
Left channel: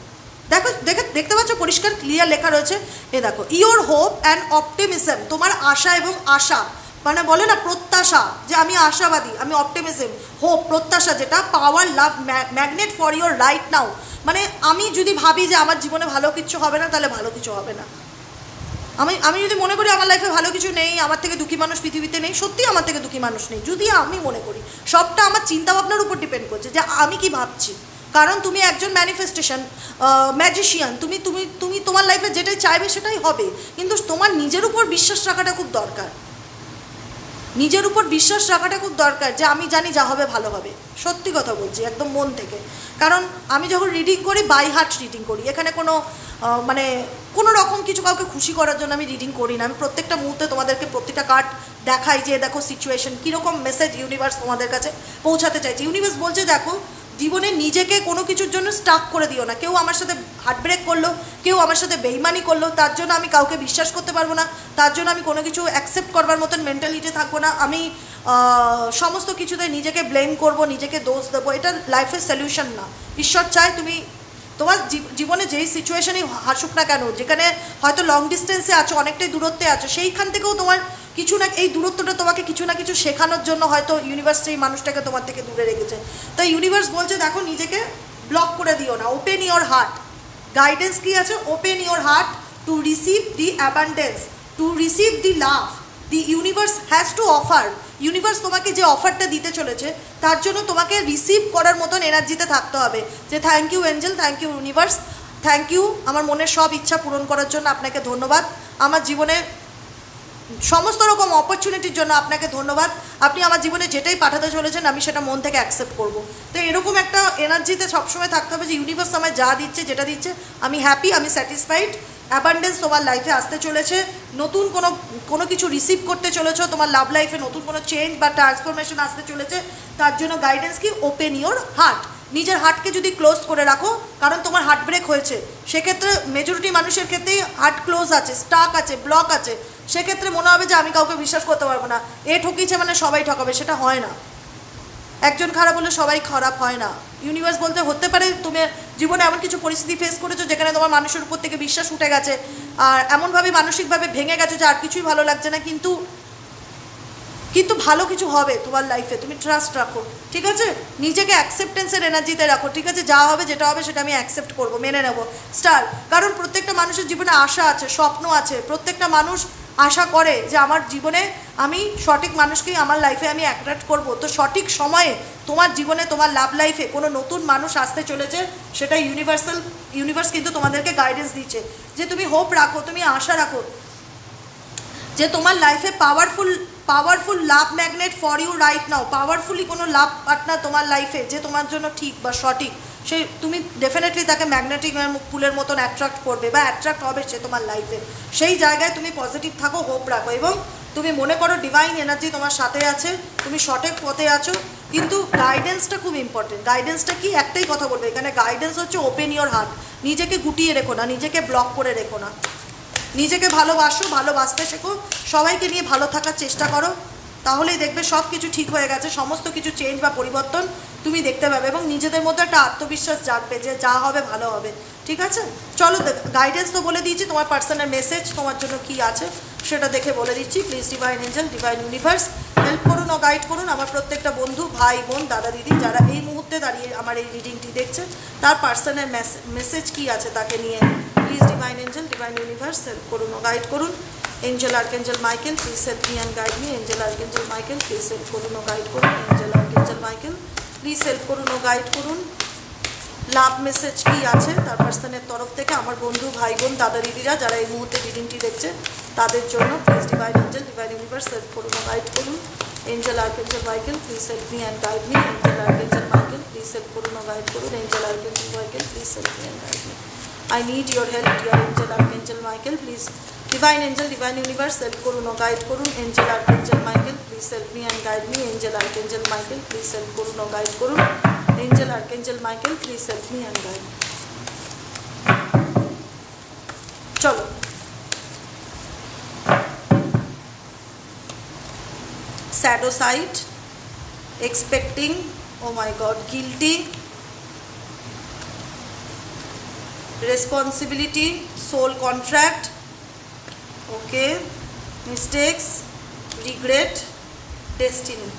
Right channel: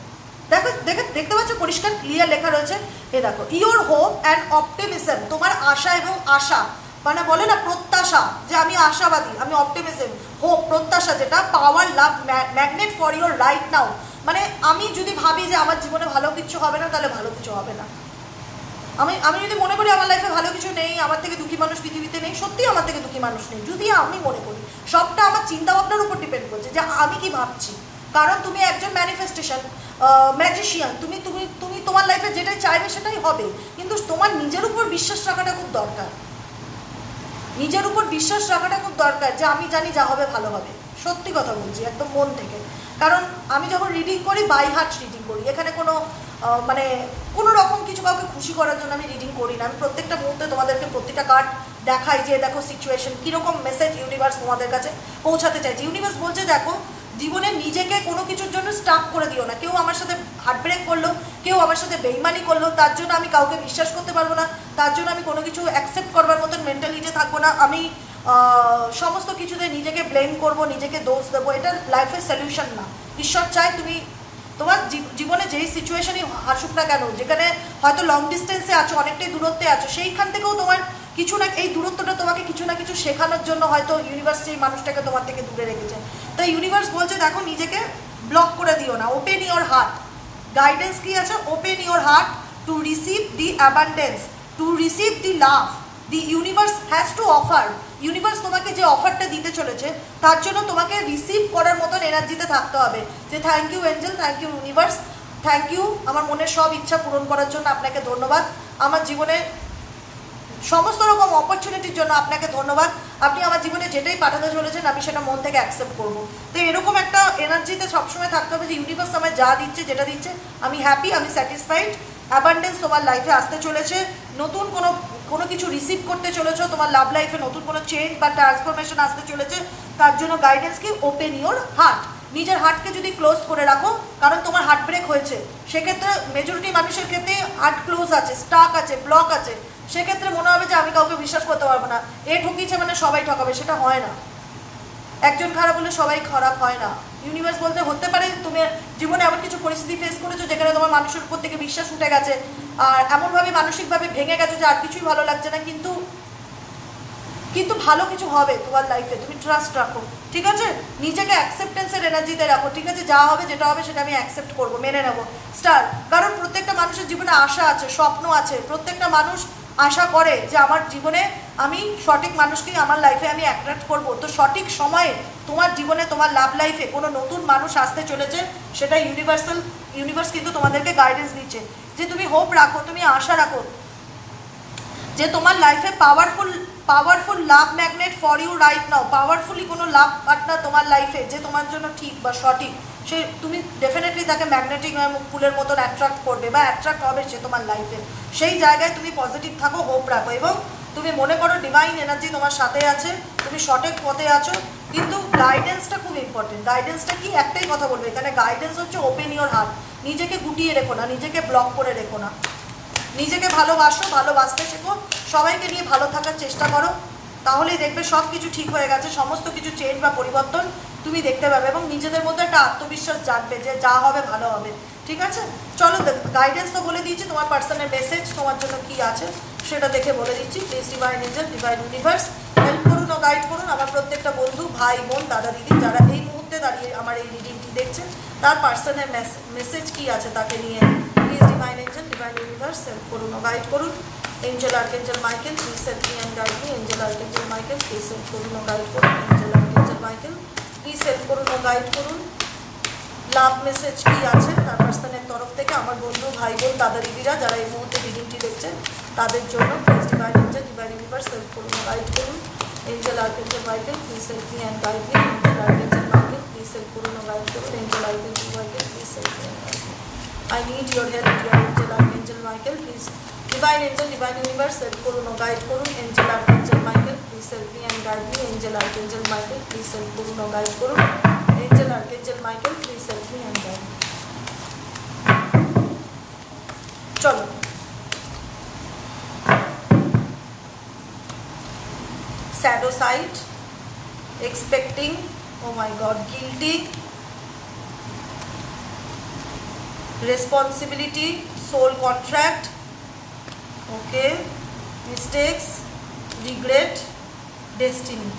দেখতে পাচ্ছ পরিষ্কার ক্লিয়ার লেখা রয়েছে, এ দেখো, ইওর হোপ অ্যান্ড অপটিমিজম। তোমার আশা এবং আশা, মানে বলে না প্রত্যাশা, যে আমি আশাবাদী, আমি অপটিমিজম, হোপ, প্রত্যাশা, যেটা পাওয়ার love magnet for your right now. মানে আমি যদি ভাবি যে আমার জীবনে ভালো কিছু হবে না, তাহলে ভালো কিছু হবে না। আমি যদি মনে করি আমার লাইফে ভালো কিছু নেই, আমার থেকে দুঃখী মানুষ পৃথিবীতে নেই, সত্যি আমার থেকে দুঃখী মানুষ নেই, যদি আমি মনে করি, সবটা আমার চিন্তা ভাবনার উপর ডিপেন্ড করছে যে আমি কি ভাবছি। কারণ তুমি একজন ম্যানিফেস্টেশন ম্যাজিশিয়ান, তুমি তুমি তুমি তোমার লাইফে যেটাই চাইবে সেটাই হবে, কিন্তু তোমার নিজের উপর বিশ্বাস রাখাটা খুব দরকার। নিজের উপর বিশ্বাস রাখাটা খুব দরকার, যে আমি জানি যা হবে ভালো হবে। সত্যি কথা বলছি, একদম মন থেকে। কারণ আমি যখন রিডিং করি, বাই হার্ট রিডিং করি, এখানে কোনো মানে কোনো রকম কিছু কাউকে খুশি করার জন্য আমি রিডিং করি না। আমি প্রত্যেকটা মুহূর্তে তোমাদেরকে প্রতিটা কার্ড দেখাই, যে দেখো সিচুয়েশন কীরকম মেসেজ ইউনিভার্স তোমাদের কাছে পৌঁছাতে চাইছে। ইউনিভার্স বলছে দেখো, জীবনে নিজেকে কোনো কিছুর জন্য স্টাক করে দিও না। কেউ আমার সাথে হার্ট ব্রেক করলো, কেউ আমার সাথে বেইমানি করলো, তার জন্য আমি কাউকে বিশ্বাস করতে পারবো না, তার জন্য আমি কোনো কিছু অ্যাকসেপ্ট করবার মতন মেন্টালিটি থাকবো না। আমি সমস্ত কিছুতে নিজেকে ব্লেম করব, নিজেকে দোষ দেবো, এটা লাইফের সলিউশন না। ঈশ্বর চায় তুমি তোমার জীবনে যেই সিচুয়েশনই আসুক না কেন, যেখানে হয়তো লং ডিস্টেন্সে আছো, অনেকটাই দূরত্বে আছো, সেইখান থেকেও তোমার কিছু না, এই দূরত্বটা তোমাকে কিছু না কিছু শেখানোর জন্য হয়তো ইউনিভার্স সেই মানুষটাকে তোমার থেকে দূরে রেখেছে। তো ইউনিভার্স বলছে দেখো, নিজেকে ব্লক করে দিও না, ওপেন ইওর হার্ট। গাইডেন্স কি আছে? Open your heart to receive the abundance, to receive the love the universe has to offer. Universe তোমাকে যে অফারটা দিতে চলেছে, তার জন্য তোমাকে রিসিভ করার মতন এনার্জিতে থাকতে হবে, যে thank you angel, thank you universe, thank you আমার মনের সব ইচ্ছা পূরণ করার জন্য আপনাকে ধন্যবাদ, আমার জীবনে সমস্ত রকম অপরচুনিটির জন্য আপনাকে ধন্যবাদ, আপনি আমার জীবনে যেটাই পাঠাতে চলেছেন আমি সেটা মন থেকে অ্যাকসেপ্ট করব। তো এরকম একটা এনার্জিতে সবসময় থাকতে হবে, যে ইউনিভার্স আমায় যা দিচ্ছে, যেটা দিচ্ছে, আমি হ্যাপি, আমি স্যাটিসফাইড। অ্যাবান্ডেন্স তোমার লাইফে আসতে চলেছে, নতুন কোনো কিছু রিসিভ করতে চলেছো, তোমার লাভ লাইফে নতুন কোনো চেঞ্জ বা ট্রান্সফরমেশন আসতে চলেছে। তার জন্য গাইডেন্স কি? Open your heart. নিজের হার্টকে যদি ক্লোজ করে রাখো, কারণ তোমার হার্ট ব্রেক হয়েছে, সেক্ষেত্রে মেজরিটি মানুষের ক্ষেত্রেই হার্ট ক্লোজ আছে, স্টাক আছে, ব্লক আছে, সেক্ষেত্রে মনে হবে যে আমি কাউকে বিশ্বাস করতে পারবো না, এ ঠকিয়েছে মানে সবাই ঠকাবে, সেটা হয় না। একজন খারাপ হলে সবাই খারাপ হয় না। ইউনিভার্স বলতে হতে পারে তুমি জীবনে এমন কিছু পরিস্থিতি ফেস করেছো যেখানে তোমার মানুষের উপর থেকে বিশ্বাস উঠে গেছে, আর এমনভাবে মানসিকভাবে ভেঙে গেছে যে আর কিছুই ভালো লাগছে না, কিন্তু ভালো কিছু হবে তোমার লাইফে, তুমি ট্রাস্ট রাখো, ঠিক আছে? নিজেকে অ্যাকসেপ্টেন্সের এনার্জিতে রাখো, ঠিক আছে? যা হবে যেটা হবে সেটা আমি অ্যাকসেপ্ট করবো, মেনে নেবো, স্টার। কারণ প্রত্যেকটা মানুষের জীবনে আশা আছে, স্বপ্ন আছে, প্রত্যেকটা মানুষ আশা করে যে আমার জীবনে আমি সঠিক মানুষকেই আমার লাইফে আমি অ্যাট্রাক্ট করবো। তো সঠিক সময়ে তোমার জীবনে, তোমার লাভ লাইফে কোনো নতুন মানুষ আসতে চলেছে, সেটা ইউনিভার্স কিন্তু তোমাদেরকে গাইডেন্স দিচ্ছে, যে তুমি হোপ রাখো, তুমি আশা রাখো, যে তোমার লাইফে powerful love magnet for you right now. Powerfully কোনো লাভ পার্টনার তোমার লাইফে যে তোমার জন্য ঠিক বা সঠিক, সে তুমি ডেফিনেটলি তাকে ম্যাগনেটিক পুলের মতন অ্যাট্রাক্ট করবে বা অ্যাট্রাক্ট হবে সে তোমার লাইফে। সেই জায়গায় তুমি পজিটিভ থাকো, হোপ রাখো, এবং তুমি মনে করো ডিভাইন এনার্জি তোমার সাথে আছে, তুমি সঠিক পথে আছো। কিন্তু গাইডেন্সটা খুব ইম্পর্টেন্ট। গাইডেন্সটা কি? একটাই কথা বলবো এখানে, গাইডেন্স হচ্ছে ওপেন ইওর হার্ট। নিজেকে গুটিয়ে রেখো না, নিজেকে ব্লক করে রেখো না, নিজেকে ভালোবাসো, ভালোবাসতে শেখো, সবাইকে নিয়ে ভালো থাকার চেষ্টা করো, তাহলেই দেখবে সব কিছু ঠিক হয়ে গেছে, সমস্ত কিছু চেঞ্জ বা পরিবর্তন তুমি দেখতে পাবে এবং নিজেদের মধ্যে একটা আত্মবিশ্বাস জাগবে যে যা হবে ভালো হবে। ঠিক আছে, চলো গাইডেন্স তো বলে দিয়েছি, তোমার পার্সোনাল মেসেজ তোমার জন্য কি আছে সেটা দেখে বলে দিচ্ছি। Please divine angel, divine universe help করুন ও গাইড করুন আমার প্রত্যেকটা বন্ধু, ভাই, বোন, দাদা, দিদি যারা এই মুহূর্তে দাঁড়িয়ে আমার এই রিডিংটি দেখছে, তার পার্সোনাল মেসেজ কি আছে তাকে নিয়ে। Please divine angel, divine universe help করুন ও গাইড করুন। Angel archangel Michael, please help me and guide me. Angel archangel Michael, please help করুন ও গাইড করুন। Angel archangel Michael, please help করুন ও গাইড করুন। লাভ মেসেজ কি আছে তার পার্সনের তরফ থেকে আমার বন্ধু, ভাই, বোন, দাদা, দিদিরা যারা এই মুহূর্তে রিডিংটি দেখছে তাদের জন্য। Please divine angel, divine universe help করুন ও গাইড করুন। Angel archangel Michael, please help me and guide me. Angel archangel Michael, please help করুন ও গাইড করুন। Angel archangel Michael, please help me and guide me. I need your help, dear angel archangel Michael, please. Divine angel, divine universe help করুন ও guide করুন। Angel archangel Michael, please help me and guide me. Angel archangel Michael, please help করুন ও guide করুন। Angel archangel Michael, please help me and guide me. চলো shadow side, expecting, oh my god, guilty, responsibility, soul contract, okay, mistakes, regret, destiny,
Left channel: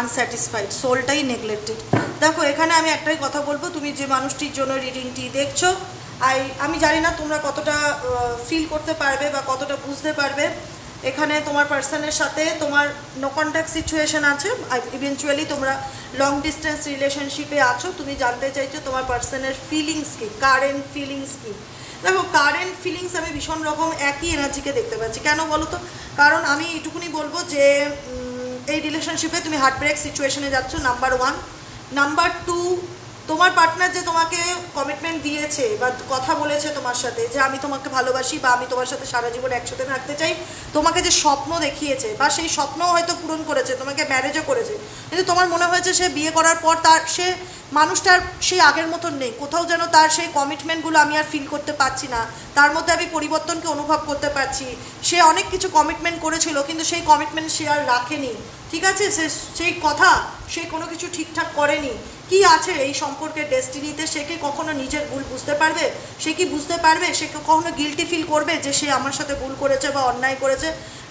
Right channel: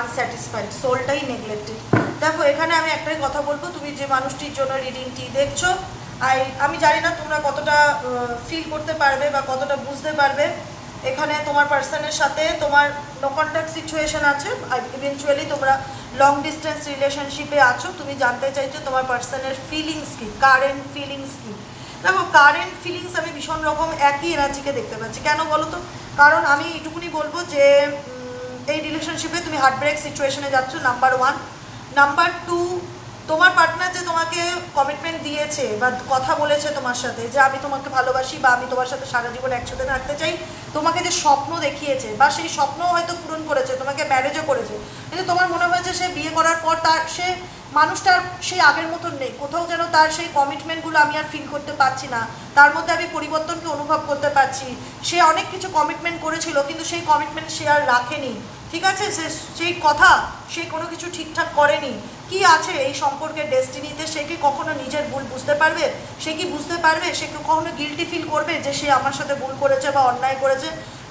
unsatisfied, সোলটাই neglected. দেখো এখানে আমি একটাই কথা বলবো, তুমি যে মানুষটির জন্য রিডিংটি দেখছো, আমি জানি না তোমরা কতটা ফিল করতে পারবে বা কতটা বুঝতে পারবে। এখানে তোমার পার্সনের সাথে তোমার নো কন্ট্যাক্ট সিচুয়েশন আছে, ইভেনচুয়ালি তোমরা লং ডিস্টেন্স রিলেশনশিপে আছো। তুমি জানতে চাইছো তোমার পার্সনের ফিলিংস কি, কারেন্ট ফিলিংস কি। দেখো কারেন্ট ফিলিংস আমি ভীষণ রকম একই এনার্জিকে দেখতে পাচ্ছি। কেন বলো তো? কারণ আমি এটুকুনি বলবো যে এই রিলেশনশিপে তুমি হার্টব্রেক সিচুয়েশনে যাচ্ছ, নাম্বার 1। নাম্বার 2, তোমার পার্টনার যে তোমাকে কমিটমেন্ট দিয়েছে বা কথা বলেছে তোমার সাথে যে আমি তোমাকে ভালোবাসি বা আমি তোমার সাথে সারা জীবন একসাথে থাকতে চাই, তোমাকে যে স্বপ্ন দেখিয়েছে বা সেই স্বপ্ন হয়তো পূরণ করেছে, তোমাকে ম্যারেজও করেছে, কিন্তু তোমার মনে হয়েছে সে বিয়ে করার পর তার সে মানুষটার সেই আগের মতন নেই, কোথাও যেন তার সেই কমিটমেন্টগুলো আমি আর ফিল করতে পারছি না, তার মধ্যে আমি পরিবর্তনকে অনুভব করতে পারছি। সে অনেক কিছু কমিটমেন্ট করেছিল কিন্তু সেই কমিটমেন্ট সে আর রাখেনি, ঠিক আছে, সেই কথা সে কোনো কিছু ঠিকঠাক করেনি। কি আছে এই সম্পর্কের ডেস্টিনিতে? সে কি কখনো নিজের ভুল বুঝতে পারবে? সে কি বুঝতে পারবে? সে কি কখনো গিল্টি ফিল করবে যে সে আমার সাথে ভুল করেছে বা অন্যায় করেছে?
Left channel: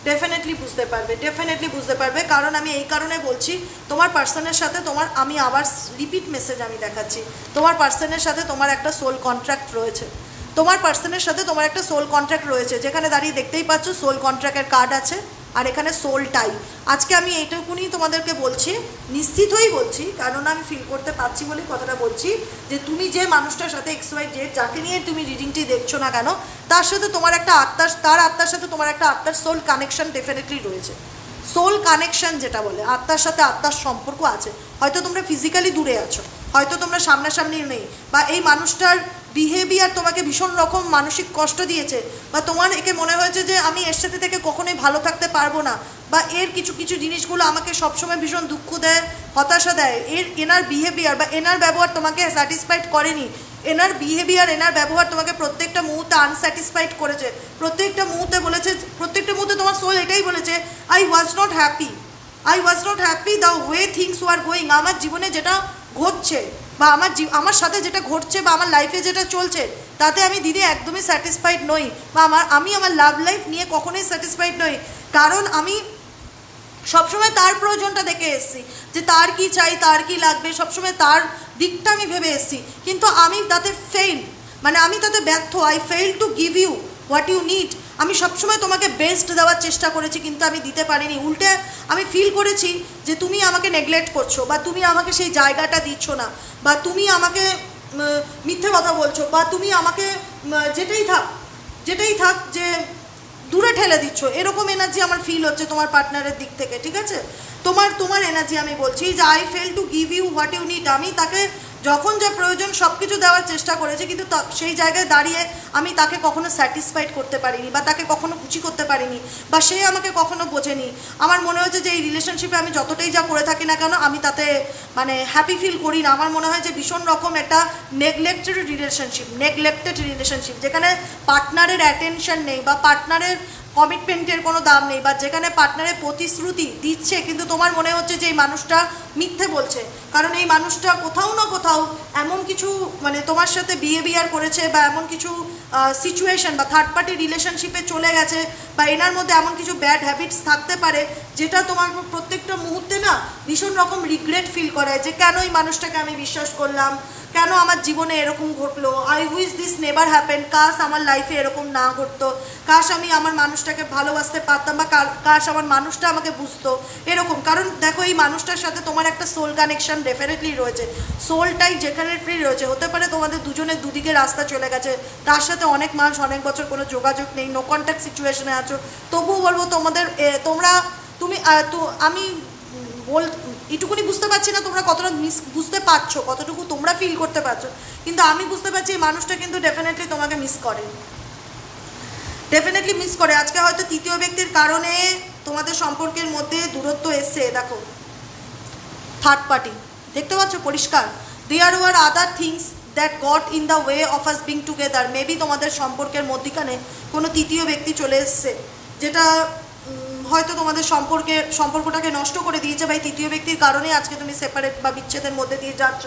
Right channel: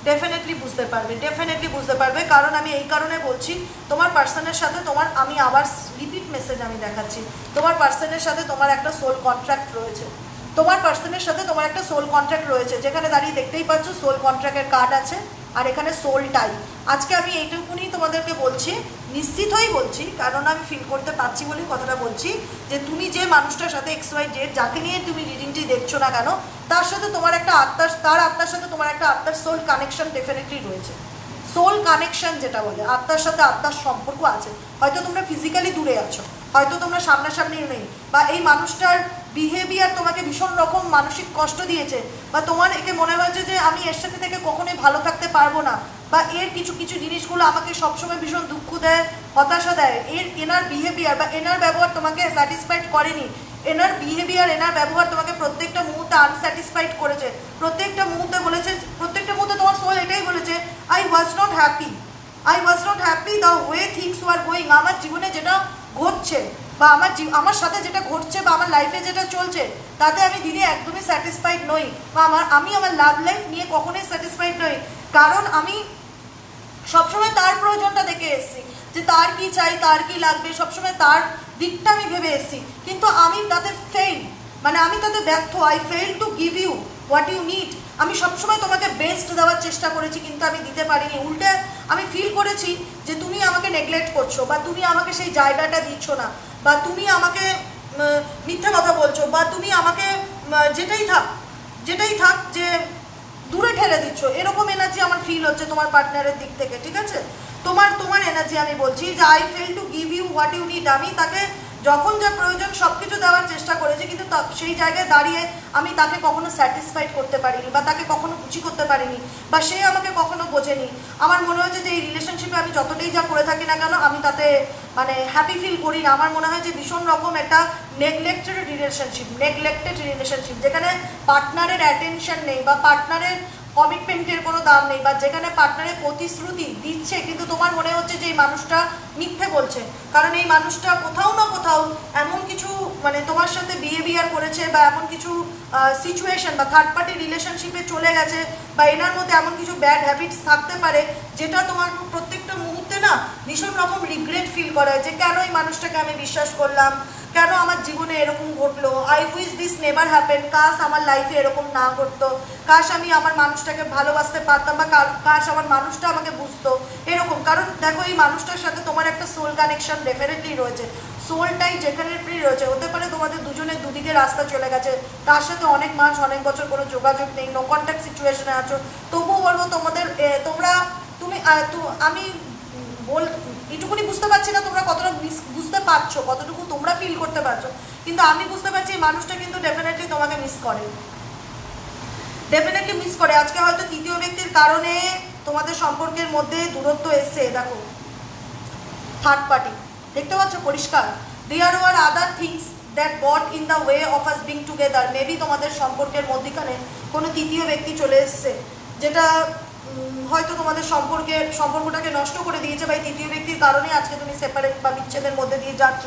ডেফিনেটলি বুঝতে পারবে, ডেফিনেটলি বুঝতে পারবে। কারণ আমি এই কারণে বলছি, তোমার পার্সনের সাথে তোমার, আমি আবার রিপিট মেসেজ আমি দেখাচ্ছি, তোমার পার্সনের সাথে তোমার একটা সোল কন্ট্রাক্ট রয়েছে। তোমার পার্সনের সাথে তোমার একটা সোল কন্ট্রাক্ট রয়েছে, যেখানে দাঁড়িয়ে দেখতেই পাচ্ছ সোল কন্ট্রাক্টের কার্ড আছে আর এখানে সোল টাই। আজকে আমি এইটুকুনি তোমাদেরকে বলছি, নিশ্চিত হয়েই বলছি, কারণ আমি ফিল করতে পারছি বলেই কথাটা বলছি, যে তুমি যে মানুষটার সাথে XYZ যাকে নিয়ে তুমি রিডিংটি দেখছো না কেন, তার সাথে তোমার একটা আত্মার, তার আত্মার সাথে তোমার একটা আত্মার সোল কানেকশন ডেফিনেটলি রয়েছে। সোল কানেকশন যেটা বলে, আত্মার সাথে আত্মার সম্পর্ক আছে। হয়তো তোমরা ফিজিক্যালি দূরে আছো, হয়তো তোমরা সামনাসামনি নেই, বা এই মানুষটার বিহেভিয়ার তোমাকে ভীষণ রকম মানসিক কষ্ট দিয়েছে, বা তোমার একে মনে হয়েছে যে আমি এর সাথে থেকে কখনোই ভালো থাকতে পারবো না, বা এর কিছু কিছু জিনিসগুলো আমাকে সবসময় ভীষণ দুঃখ দেয়, হতাশা দেয়। এনার বিহেভিয়ার বা এনার ব্যবহার তোমাকে স্যাটিসফাইড করেনি, এনার বিহেভিয়ার, এনার ব্যবহার তোমাকে প্রত্যেকটা মুহূর্তে আনস্যাটিসফাইড করেছে, প্রত্যেকটা মুহূর্তে বলেছে, প্রত্যেকটা মুহূর্তে তোমার সোল এটাই বলেছে, I was not happy, I was not happy the way things were going. আমার জীবনে যেটা ঘটছে বা আমার সাথে যেটা ঘটছে বা আমার লাইফে যেটা চলছে, তাতে আমি দিদি একদমই স্যাটিসফাইড নই, বা আমি আমার লাভ লাইফ নিয়ে কখনোই স্যাটিসফাইড নই। কারণ আমি সবসময় তার প্রয়োজনটা দেখে এসেছি, যে তার কি চাই, তার কি লাগবে, সবসময় তার দিকটা আমি ভেবে এসেছি, কিন্তু আমি তাতে ফেল, মানে আমি তাতে ব্যর্থ। I fail to give you what you need. আমি সবসময় তোমাকে বেস্ট দেওয়ার চেষ্টা করেছি কিন্তু আমি দিতে পারিনি। উল্টে আমি ফিল করেছি যে তুমি আমাকে নেগলেক্ট করছো, বা তুমি আমাকে সেই জায়গাটা দিচ্ছ না, বা তুমি আমাকে মিথ্যা কথা বলছো, বা তুমি আমাকে যেটাই থাক যে দূরে ঠেলে দিচ্ছ, এরকম এনার্জি আমার ফিল হচ্ছে তোমার পার্টনারের দিক থেকে, ঠিক আছে? তোমার এনার্জি আমি বলছি যে I fail to give you what you need. আমি তাকে যখন যা প্রয়োজন সব কিছু দেওয়ার চেষ্টা করেছি, কিন্তু সেই জায়গায় দাঁড়িয়ে আমি তাকে কখনো স্যাটিসফাইড করতে পারিনি, বা তাকে কখনো খুশি করতে পারিনি, বা সে আমাকে কখনো বোঝেনি। আমার মনে হচ্ছে যে এই রিলেশনশিপে আমি যতটাই যা করে থাকি না কেন, আমি তাতে মানে হ্যাপি ফিল করি না। আমার মনে হয় যে ভীষণ রকম একটা নেগলেক্টেড রিলেশনশিপ, যেখানে পার্টনারের অ্যাটেনশন নেই, বা কমিটমেন্টের কোনো দাম নেই, বা যেখানে পার্টনারের প্রতিশ্রুতি দিচ্ছে কিন্তু তোমার মনে হচ্ছে যে এই মানুষটা মিথ্যে বলছে, কারণ এই মানুষটা কোথাও না কোথাও এমন কিছু মানে তোমার সাথে বিহেভিয়ার করেছে, বা এমন কিছু সিচুয়েশন বা থার্ড পার্টি রিলেশনশিপে চলে গেছে, বা এনার মধ্যে এমন কিছু ব্যাড হ্যাবিটস থাকতে পারে যেটা তোমার প্রত্যেকটা মুহূর্তে না ভীষণ রকম রিগ্রেট ফিল করে যে কেন এই মানুষটাকে আমি বিশ্বাস করলাম, কেন আমার জীবনে এরকম ঘটলো, I wish this never happen, কাশ আমার লাইফে এরকম না ঘটতো, কাশ আমি আমার মানুষটাকে ভালোবাসতে পারতাম, বা কাশ আমার মানুষটা আমাকে বুঝতো, এরকম। কারণ দেখো এই মানুষটার সাথে তোমার একটা সোল কানেকশন ডেফিনেটলি রয়েছে, সোলটাই যেখানে ফ্রি রয়েছে। হতে পারে তোমাদের দুজনের দুদিকে রাস্তা চলে গেছে, তার সাথে অনেক মাস অনেক বছর কোনো যোগাযোগ নেই, নো কন্ট্যাক্ট সিচুয়েশনে আছো, তবুও বলবো তোমাদের আমি এটুকুনি বুঝতে পারছি না তোমরা কতটা বুঝতে পারছো, কতটুকু তোমরা ফিল করতে পারছো, কিন্তু আমি বুঝতে পারছি এই মানুষটা কিন্তু ডেফিনেটলি তোমাকে মিস করে, ডেফিনেটলি মিস করে। আজকে হয়তো তৃতীয় ব্যক্তির কারণে তোমাদের সম্পর্কের মধ্যে দূরত্ব এসছে, দেখো থার্ড পার্টি দেখতে পাচ্ছ পরিষ্কার। There were other things that got in the way of us being together, maybe তোমাদের সম্পর্কের মধ্যখানে কোনো তৃতীয় ব্যক্তি চলে এসছে, যেটা হয়তো তোমাদের সম্পর্কটাকে নষ্ট করে দিয়েছে, বা এই তৃতীয় ব্যক্তির কারণে আজকে তুমি সেপারেট বা বিচ্ছেদের মধ্যে দিয়ে যাচ্ছ।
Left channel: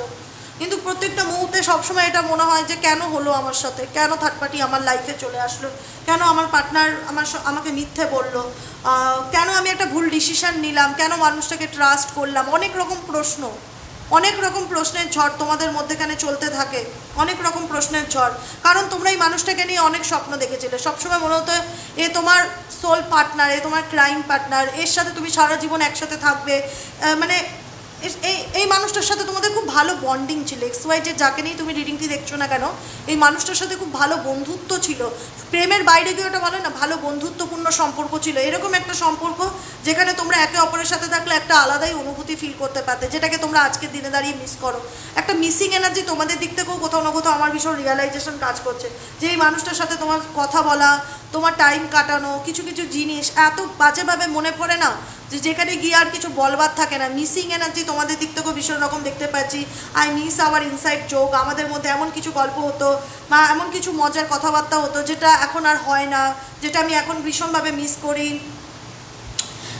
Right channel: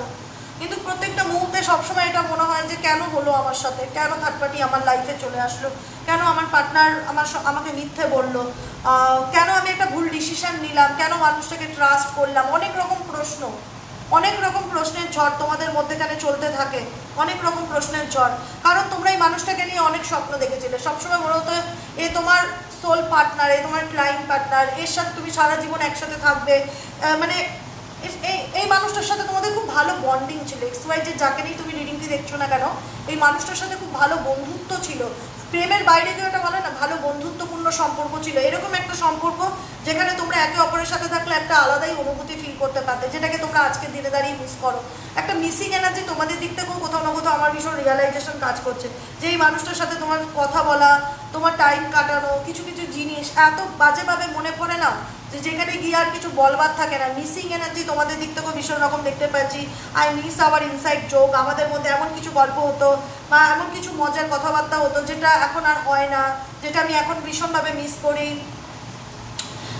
কিন্তু প্রত্যেকটা মুহূর্তে সবসময় এটা মনে হয় যে কেন হলো আমার সাথে, কেন থার্ড পার্টি আমার লাইফে চলে আসলো, কেন আমার পার্টনার আমাকে মিথ্যে বললো, কেন আমি একটা ভুল ডিসিশন নিলাম, কেন মানুষটাকে ট্রাস্ট করলাম, অনেক রকম প্রশ্ন, অনেক রকম প্রশ্নের ঝড় তোমাদের মধ্যেখানে চলতে থাকে, অনেক রকম প্রশ্নের ঝড়। কারণ তোমরা এই মানুষটাকে নিয়ে অনেক স্বপ্ন দেখেছিলে, সবসময় মনে হতো এ তোমার সোল পার্টনার, এ তোমার ক্রাইম পার্টনার, এর সাথে তুমি সারা জীবন একসাথে থাকবে, মানে এই মানুষটার সাথে তোমাদের খুব ভালো বন্ডিং ছিল। XY যে যাকে নিয়ে তুমি রিডিংটি দেখছো না কেন, এই মানুষটার সাথে খুব ভালো বন্ধুত্ব ছিল, প্রেমের বাইরে গিয়ে ওটা বলে না, ভালো বন্ধুত্বপূর্ণ সম্পর্ক ছিল, এরকম একটা সম্পর্ক যেখানে তোমরা একে অপরের সাথে থাকলে একটা আলাদাই অনুভূতি ফিল করতে পারতে, যেটাকে তোমরা আজকের দিনে দাঁড়িয়ে মিস করো। একটা মিসিং এনার্জি তোমাদের দিক থেকেও কোথাও না কোথাও আমার ভীষণ রিয়েলাইজেশন কাজ করছে, যে এই মানুষটার সাথে তোমার কথা বলা, তোমার টাইম কাটানো, কিছু কিছু জিনিস এত বাজেভাবে মনে পড়ে না, যে যেখানে গিয়ে আর কিছু বলবার থাকে না। মিসিং এনার্জি তোমাদের দিক থেকেও ভীষণ রকম দেখতে পাচ্ছি। I miss hour inside joke, আমাদের মধ্যে এমন কিছু গল্প হতো বা এমন কিছু মজার কথাবার্তা হতো যেটা এখন আর হয় না, যেটা আমি এখন ভীষণভাবে মিস করি।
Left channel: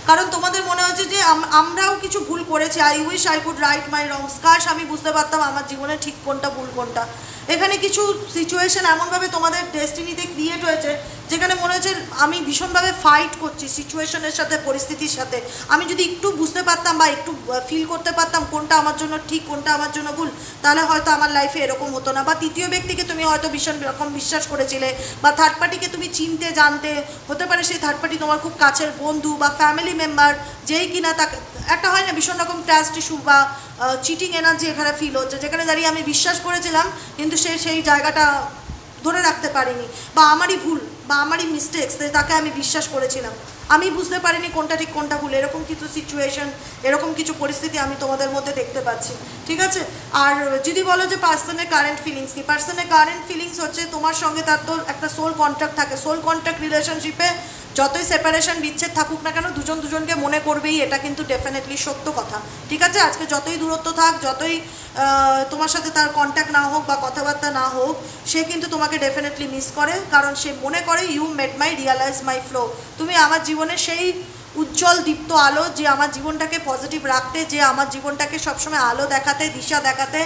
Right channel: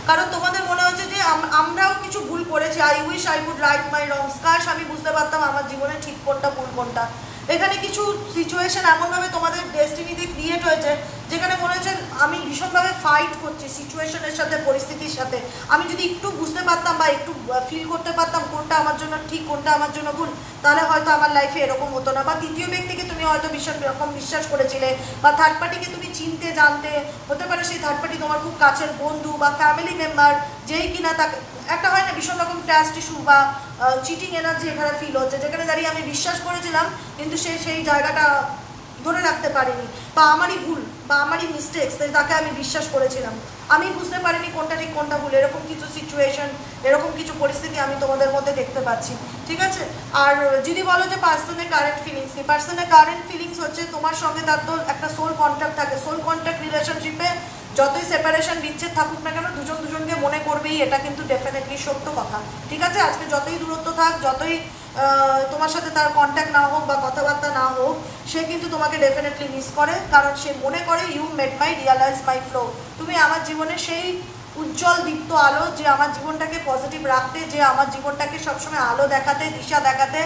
কারণ তোমাদের মনে হচ্ছে যে আমরাও কিছু ভুল করেছি, I wish I would right my wrongs, কাশ আমি বুঝতে পারতাম আমার জীবনে ঠিক কোনটা ভুল কোনটা। এখানে কিছু সিচুয়েশন এমনভাবে তোমাদের ডেস্টিনিতে ক্রিয়েট হয়েছে যেখানে মনে হচ্ছে আমি ভীষণভাবে ফাইট করছি সিচুয়েশনের সাথে, পরিস্থিতির সাথে। আমি যদি একটু বুঝতে পারতাম বা একটু ফিল করতে পারতাম কোনটা আমার জন্য ঠিক কোনটা আমার জন্য ভুল, তাহলে হয়তো আমার লাইফে এরকম হতো না। বা তৃতীয় ব্যক্তিকে তুমি হয়তো ভীষণ রকম বিশ্বাস করেছিলে, বা থার্ড পার্টিকে তুমি চিনতে জানতে, হতে পারে সেই থার্ড পার্টি তোমার খুব কাছের বন্ধু বা ফ্যামিলি মেম্বার, যেই কিনা তাকে একটা হয় না ভীষণ রকম ট্রাস্ট ইস্যু বা চিটিং এনার্জি এখানে ফিল হচ্ছে, যেখানে দাঁড়িয়ে আমি বিশ্বাস করেছিলাম কিন্তু সে সেই জায়গাটা ধরে রাখতে পারিনি, বা আমারই ভুল বা আমারই মিস্টেক্স, তাকে আমি বিশ্বাস করেছিলাম, আমি বুঝতে পারিনি কোনটা ঠিক কোনটা ভুল। এরকম কিছু সিচুয়েশন, এরকম কিছু পরিস্থিতি আমি তোমাদের মধ্যে দেখতে পাচ্ছি, ঠিক আছে। আর যদি বলো যে পার্সনের কারেন্ট ফিলিংস কি, পার্সনের কারেন্ট ফিলিংস হচ্ছে তোমার সঙ্গে তার তো একটা সোল কন্ট্রাক্ট থাকে, সোল কন্ট্রাক্ট রিলেশনশিপে যতই সেপারেশন বিচ্ছেদ থাকুক না কেন দুজন দুজনকে মনে করবেই, এটা কিন্তু ডেফিনেটলি সত্য কথা, ঠিক আছে। আজকে যতই দূরত্ব থাক, যতই তোমার সাথে তার কন্ট্যাক্ট না হোক বা কথাবার্তা না হোক, সে কিন্তু তোমাকে ডেফিনেটলি মিস করে, কারণ সে মনে করে you made my realise my flaw, তুমি আমার জীবনে সেই উজ্জ্বল দীপ্ত আলো, যে আমার জীবনটাকে পজিটিভ রাখতে, যে আমার জীবনটাকে সবসময় আলো দেখাতে, দিশা দেখাতে।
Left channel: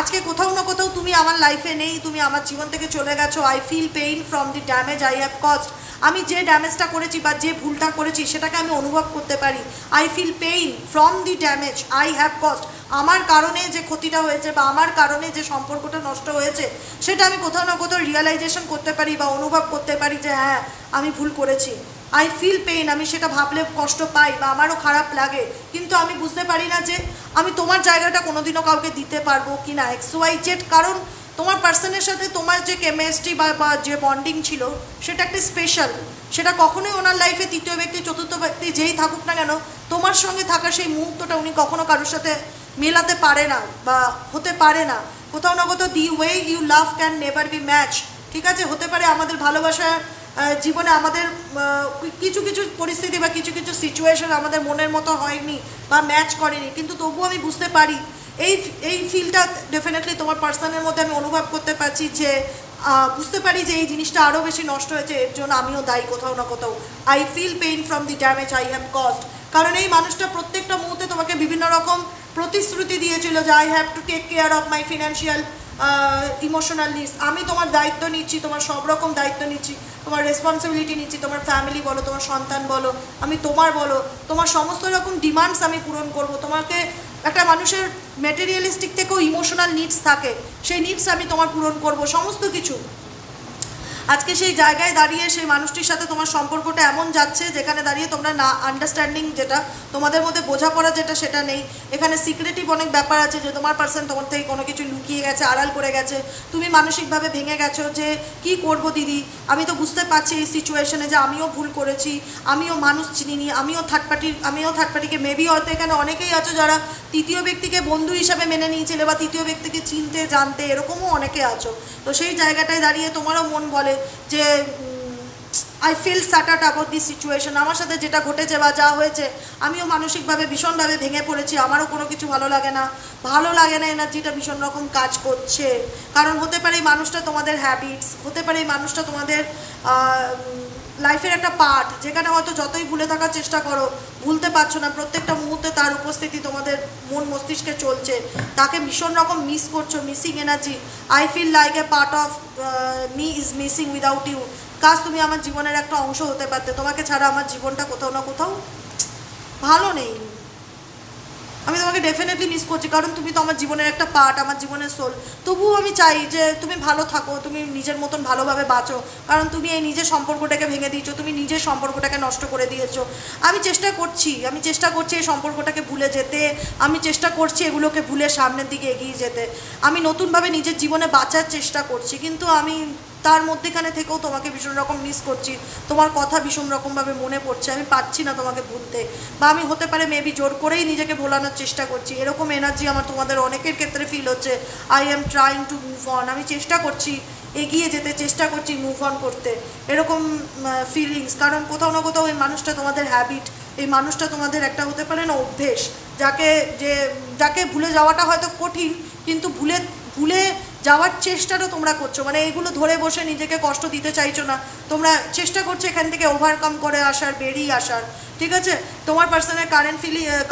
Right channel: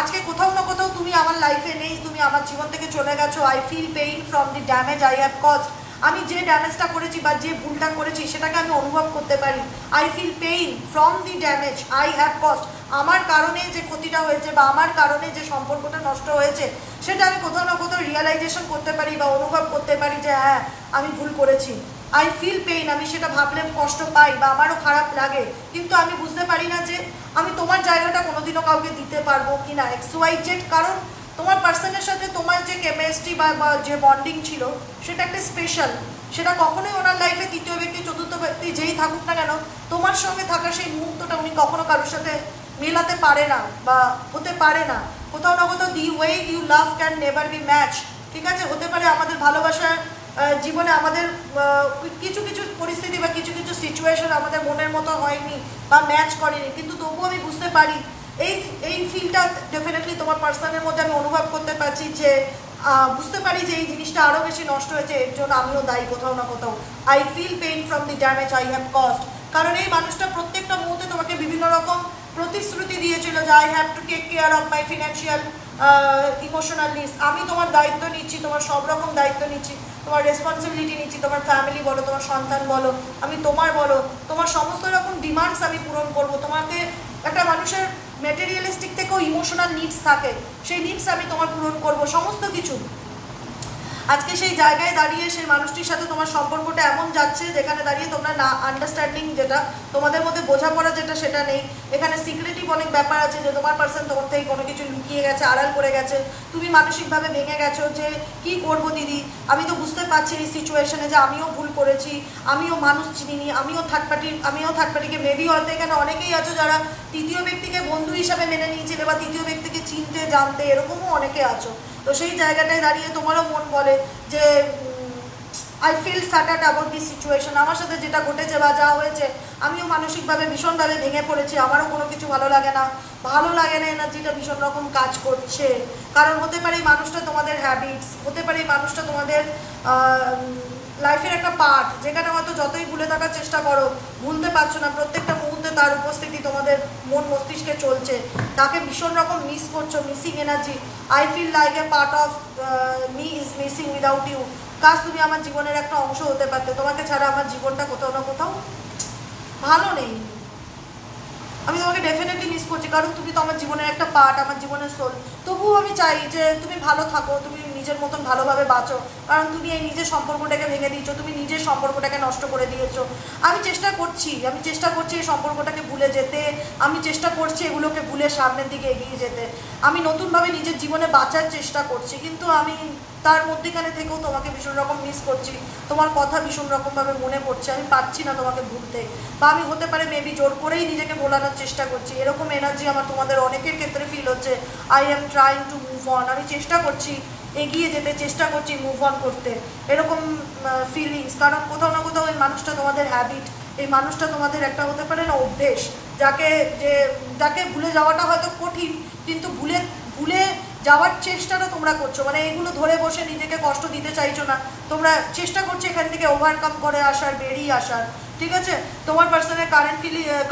আজকে কোথাও না কোথাও তুমি আমার লাইফে নেই, তুমি আমার জীবন থেকে চলে গেছো। I feel pain from the damage I have caused, আমি যে ড্যামেজটা করেছি বা যে ভুলটা করেছি সেটাকে আমি অনুভব করতে পারি। I feel pain from the damage I have caused, আমার কারণে যে ক্ষতিটা হয়েছে বা আমার কারণে যে সম্পর্কটা নষ্ট হয়েছে সেটা আমি কোথাও না কোথাও রিয়েলাইজেশন করতে পারি বা অনুভব করতে পারি যে হ্যাঁ আমি ভুল করেছি। আই ফিল পেইন, আমি সেটা ভাবলে কষ্ট পাই বা আমারও খারাপ লাগে, কিন্তু আমি বুঝতে পারি না যে আমি তোমার জায়গাটা কোনোদিনও কাউকে দিতে পারবো কি না, XYZ। কারণ তোমার পার্সনের সাথে তোমার যে কেমিস্ট্রি বা যে বন্ডিং ছিল সেটা একটা স্পেশাল, সেটা কখনোই ওনার লাইফে তৃতীয় ব্যক্তি চতুর্থ ব্যক্তি যেই থাকুক না কেন, তোমার সঙ্গে থাকা সেই মুহূর্তটা উনি কখনো কারোর সাথে মেলাতে পারে না বা হতে পারে না। কোথাও না কোথাও the way you love can never be match, ঠিক আছে। হতে পারে আমাদের ভালোবাসা জীবনে আমাদের কিছু কিছু পরিস্থিতি বা কিছু কিছু সিচুয়েশন আমাদের মনের মতো হয়নি বা ম্যাচ করেনি, কিন্তু তবুও আমি বুঝতে পারি এই ফিলটা ডেফিনেটলি তোমার পার্সনের মধ্যে আমি অনুভব করতে পারছি যে বুঝতে পারি যে এই জিনিসটা আরও বেশি নষ্ট হয়েছে, এর জন্য আমিও দায়ী কোথাও না কোথাও। I feel pain from the damage I have caused. কারণ এই মানুষটা প্রত্যেকটা মুহূর্তে তোমাকে বিভিন্ন রকম প্রতিশ্রুতি দিয়েছিল যে I have to take care of my financial emotional needs. আমি তোমার দায়িত্ব নিচ্ছি, তোমার সব রকম দায়িত্ব নিচ্ছি, তোমার রেসপন্সিবিলিটি নিচ্ছি, তোমার ফ্যামিলি বলো, তোমার সন্তান বলো, আমি তোমার বলো, তোমার সমস্ত রকম ডিমান্ডস আমি পূরণ করব। তোমাকে একটা মানুষের ম্যাটেরিয়ালিস্টিক থেকেও ইমোশনাল নিডস থাকে, সেই নিডস আমি তোমার পূরণ করব, সমস্ত কিছু। আজকে সেই জায়গায় দাঁড়িয়ে সেই মানুষটির সাথে তোমার সম্পর্কটা এমন যাচ্ছে যেখানে দাঁড়িয়ে তোমরা না আন্ডারস্ট্যান্ডিং, যেটা তোমাদের মধ্যে বোঝাপড়া যেটা সেটা নেই। এখানে সিক্রেটিভ অনেক ব্যাপার আছে যে তোমার পার্সন তোমার থেকে কোনো কিছু লুকিয়ে গেছে, আড়াল করে গেছে। তুমি মানসিকভাবে ভেঙে গেছো যে কি করব দিদি, আমি তো বুঝতে পারছি এই সিচুয়েশনে যে আমিও ভুল করেছি, আমিও মানুষ চিনিনি, আমিও থার্ড পার্টিকে মেবি হয়তো এখানে অনেকেই আছো যারা তৃতীয় ব্যক্তিকে বন্ধু হিসাবে মেনে নিয়েছিলে বা তৃতীয় ব্যক্তিকে চিনতে জানতে এরকমও অনেকে আছো। তো সেই জায়গাটায় দাঁড়িয়ে তোমারও মন বলে যে I feel shattered about this situation. আমার সাথে যেটা ঘটেছে বা যা হয়েছে আমিও মানসিকভাবে ভীষণভাবে ভেঙে পড়েছি, আমারও কোনো কিছু ভালো লাগে না এনার্জিটা ভীষণ রকম কাজ করছে। কারণ হতে পারে এই মানুষটা তোমাদের হ্যাবিটস, হতে পারে এই মানুষটা তোমাদের লাইফের একটা পার্ট, যেখানে হয়তো যতই ভুলে থাকার চেষ্টা করো ভুলতে পারছো না। প্রত্যেকটা মুহূর্তে তার উপস্থিতি তোমাদের মন মস্তিষ্কে চলছে, তাকে ভীষণ রকম মিস করছো, missing energy. I feel like a part of me is missing without you. কাজ তুমি আমার জীবনের একটা অংশ হতে পারতে, তোমাকে ছাড়া আমার জীবনটা কোথাও না কোথাও ভালো নেই। আমি তোমাকে ডেফিনেটলি মিস করছি, কারণ তুমি তো আমার জীবনের একটা পার্ট, আমার জীবনের সোল। তবুও আমি চাই যে তুমি ভালো থাকো, তুমি নিজের মতন ভালোভাবে বাঁচো, কারণ তুমি এই নিজের সম্পর্কটাকে ভেঙে দিয়েছো, তুমি নিজের সম্পর্কটাকে নষ্ট করে দিয়েছো। আমি চেষ্টা করছি এই সম্পর্কটাকে ভুলে যেতে, আমি চেষ্টা করছি এগুলোকে ভুলে সামনের দিকে এগিয়ে যেতে, আমি নতুনভাবে নিজের জীবনে বাঁচার চেষ্টা করছি। কিন্তু আমি তার মধ্যেখানে থেকেও তোমাকে ভীষণ রকম মিস করছি, তোমার কথা ভীষণ রকমভাবে মনে পড়ছে, আমি পারছি না তোমাকে ভুলতে। বা আমি হতে পারে মেবি জোর করেই নিজেকে ভোলানোর চেষ্টা করছি, এরকম এনার্জি আমার তোমাদের অনেকের ক্ষেত্রে ফিল হচ্ছে। I am trying to move on, আমি চেষ্টা করছি এগিয়ে যেতে, চেষ্টা করছি মুভ অন করতে, এরকম ফিলিংস। কারণ কোথাও না কোথাও এই মানুষটা তোমাদের হ্যাবিট, এই মানুষটা তোমাদের একটা হতে পারে না অভ্যেস, যাকে ভুলে যাওয়াটা হয়তো কঠিন, কিন্তু ভুলে যাওয়ার চেষ্টাটাও তোমরা করছো। মানে এগুলো ধরে বসে নিজেকে কষ্ট দিতে চাইছো না, তোমরা চেষ্টা করছো এখান থেকে ওভারকাম করে আসার, বেরিয়ে আসার। ঠিক আছে, তোমার পার্সনের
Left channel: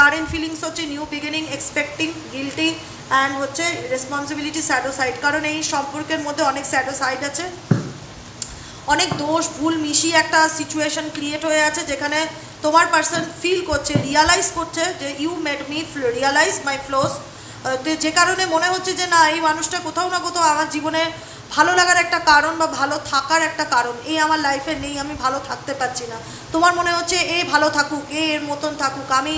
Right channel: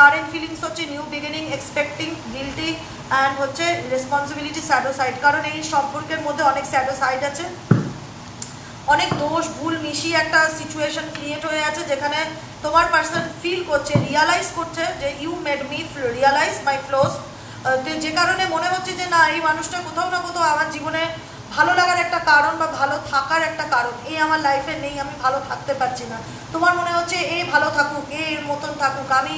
কারেন্ট ফিলিংস হচ্ছে new beginning, expecting, guilty and হচ্ছে রেসপন্সিবিলিটি, স্যাডো সাইড। কারণ এই সম্পর্কের মধ্যে অনেক স্যাডো সাইড আছে, অনেক দোষ ভুল মিশিয়ে একটা সিচুয়েশন ক্রিয়েট হয়ে আছে, যেখানে তোমার পার্সন ফিল করছে, রিয়ালাইজ করছে যে you made me realise my flaws. যে কারণে মনে হচ্ছে যে না, এই মানুষটা কোথাও না কোথাও আমার জীবনে ভালো লাগার একটা কারণ বা ভালো থাকার একটা কারণ, এই আমার লাইফে নেই, আমি ভালো থাকতে পারছি না। তোমার মনে হচ্ছে এ ভালো থাকুক, এর মতন থাকুক, আমি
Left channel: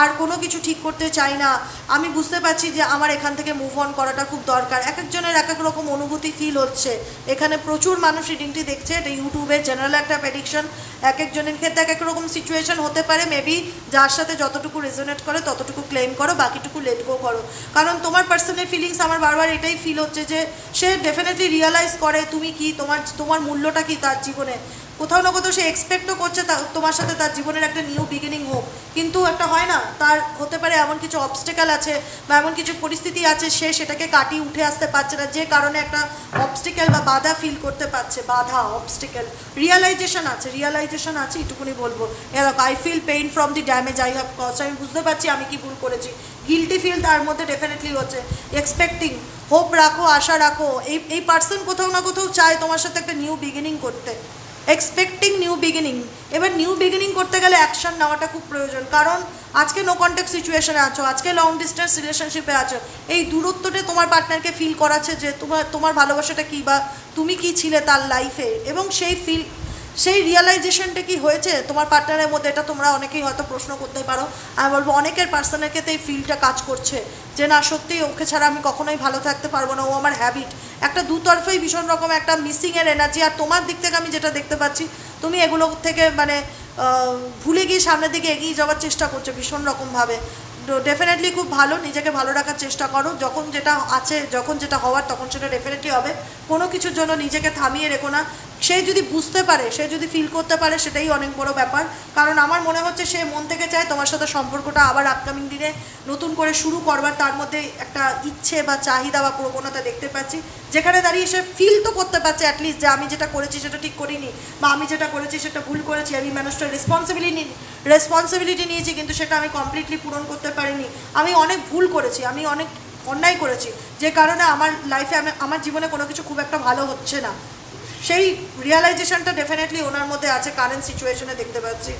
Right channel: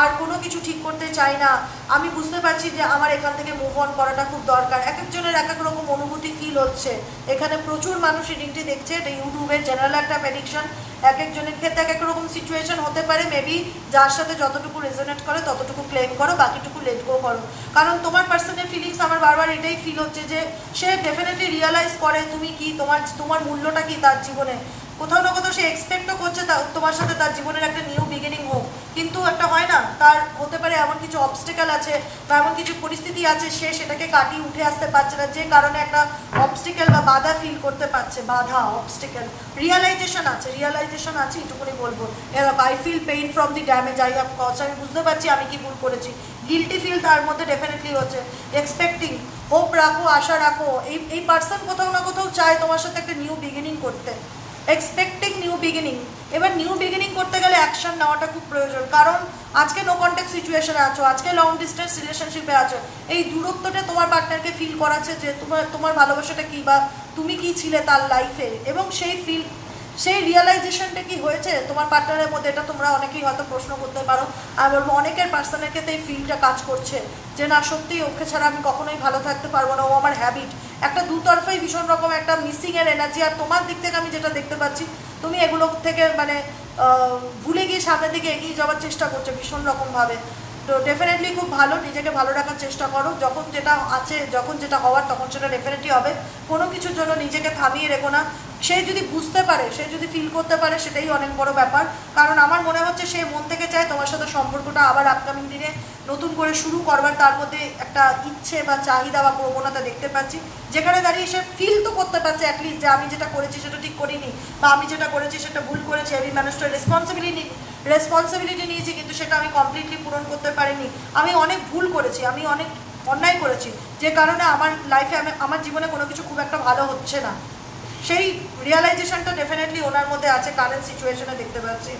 আর কোনো কিছু ঠিক করতে চাই না। আমি বুঝতে পারছি যে আমার এখান থেকে মুভ অন করাটা খুব দরকার। এক একজনের এক এক রকম অনুভূতি ফিল হচ্ছে। এখানে প্রচুর মানুষ রিডিংটি দেখছে, এটা ইউটিউবে জেনারেল একটা প্রেডিকশন, এক একজনের ক্ষেত্রে এক এক রকম সিচুয়েশন হতে পারে। মেবি যার সাথে যতটুকু রেজোনেট করে ততটুকু ক্লেম করো, বাকিটুকু লেট গো করো। কারণ তোমার পার্সোনাল ফিলিংস আমার বারবার এটাই ফিল হচ্ছে যে সে ডেফিনেটলি রিয়েলাইজ করে তুমি কি, তোমার মূল্যটা কি তার জীবনে। কোথাও না কোথাও সে এক্সপেক্টও করছে তোমার সাথে তার জীবনের একটা নিউ বিগিনিং হোক, কিন্তু একটা হয় না, তার হতে পারে এমন কিছু অবস্টেকেল আছে বা এমন কিছু পরিস্থিতি আছে, সে সেটাকে কাটিয়ে উঠে আসতে পারছে না, যে কারণে একটা অবস্টেকেল বা বাধা ফিল করতে পারছে। বাধা, অবস্টেকেল, রিয়েলাইজেশন আছে, এটুকুনি বলবো। I feel pain from the damage I have cause, আমি বুঝতে পারছি আমি কি ভুল করেছি। গিল্টি ফিল তার মধ্যে ডেফিনেটলি হচ্ছে। এক্সপেক্টিং, হোপ রাখো, আশা রাখো। এই পার্সন কোথাও না কোথাও চায় তোমার সাথে একটা নিউ বিগিনিং করতে, এক্সপেক্টিং নিউ বিগিনিং। এবার নিউ বিগিনিং করতে গেলে অ্যাকশন নেওয়াটা খুব প্রয়োজন। কারণ আজকে নো কন্ট্যাক্ট সিচুয়েশনে আছো, আজকে লং ডিস্টেন্স রিলেশনশিপে আছো। এই দূরত্বটা তোমার পার্টনারকে ফিল করাচ্ছে যে তোমার ভালোবাসাটা কী বা তুমি কি ছিলে তার লাইফে, এবং সেই রিয়েলাইজেশনটা কি হয়েছে তোমার পার্টনারের মধ্যে, এটা তোমরা অনেকেই হয়তো প্রশ্ন করতে পারো। আমি বলবো অনেকের পার্সনের ক্ষেত্রে এই ফিলটা কাজ করছে যে না, সত্যিই ওকে ছাড়া আমি কখনোই ভালো থাকতে পারবো না, ও আমার হ্যাবিট। একটা দুতরফাই ভীষণ রকম একটা মিসিংয়ের এনার্জি। আর তোমার দিক থেকে আমি যেটা দেখতে পাচ্ছি, তুমি এগুলো থেকে মানে ভুলে গিয়ে সামনের দিকে এগিয়ে যাওয়ার চেষ্টা করছো ভীষণ রকমভাবে। তো ডেফিনেটলি খুব ভালো, নিজেকে ভালো রাখার চেষ্টা করো। যখন যেটা আছে, যখন যেটা হওয়ার তখন সেটা ডেফিনেটলি হবে। কোনো কিছুর জন্য নিজেকে থামিয়ে রেখো না। সে যদি বুঝতে পারে, সে যদি ফিল করতে পারে, সেটাই অনেক বড় ব্যাপার। কারণ আমার মনে হচ্ছে সে মন থেকে চায় তোমার সাথে সম্পর্কটা আবার আপকামিং দিনে নতুন করে শুরু করবার, তার মধ্যে একটা ইচ্ছে বা চাহিদা বা প্রবণতা দেখতে পাচ্ছি, যেখানে দাঁড়িয়ে সে ফিল তো করতে পারছে অ্যাটলিস্ট যে আমি যেটা করেছি সেটা ঠিক করিনি, বা আমি যেটা করেছি সেটা ভুল করেছি, আমি মানুষটার রেসপন্সিবিলিটি নিয়েছি, কিন্তু সেটা আমি কমপ্লিটলি পূরণ করতে পারিনি, আমি অনেক ভুল করেছি, আমি অনেক অন্যায় করেছি, যে কারণে আমার লাইফে আমার জীবনে কোনো কিছু খুব একটা ভালো হচ্ছে না। সেই রিয়ালাইজেশনটা ডেফিনেটলি ওনার মধ্যে আছে, কারেন্ট সিচুয়েশনে দেখতে পাচ্ছি।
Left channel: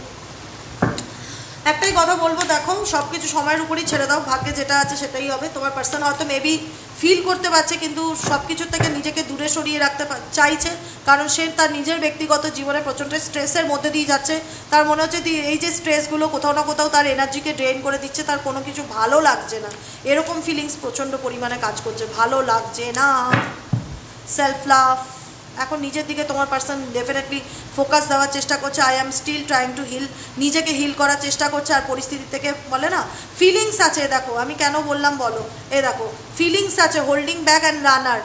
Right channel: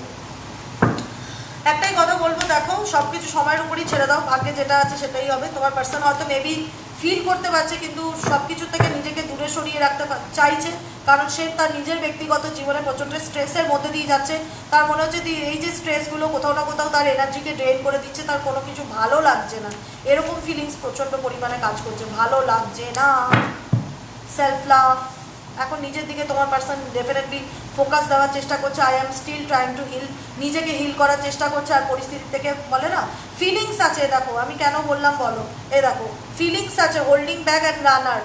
একটাই কথা বলবো, দেখো সব কিছু সময়ের উপরই ছেড়ে দাও, ভাগ্যে যেটা আছে সেটাই হবে। তোমার পার্সন হয়তো মেবি ফিল করতে পারছে, কিন্তু সব কিছুর থেকে নিজেকে দূরে সরিয়ে রাখতে চাইছে, কারণ সে তার নিজের ব্যক্তিগত জীবনে প্রচণ্ড স্ট্রেসের মধ্যে দিয়ে যাচ্ছে। তার মনে হচ্ছে এই যে স্ট্রেসগুলো কোথাও না কোথাও তার এনার্জিকে ড্রেন করে দিচ্ছে, তার কোনো কিছু ভালো লাগছে না, এরকম ফিলিংস প্রচণ্ড পরিমাণে কাজ করছে, ভালো লাগছে না। সেলফ লাভ, এখন নিজের দিকে তোমার পার্সন ডেফিনেটলি ফোকাস দেওয়ার চেষ্টা করছে। I am still trying to heal, নিজেকে হিল করার চেষ্টা করছে। আর পরিস্থিতি থেকে বলে না ফিলিংস আছে, দেখো আমি কেন বললাম বলো, দেখো ফিলিংস আছে, holding back and runner,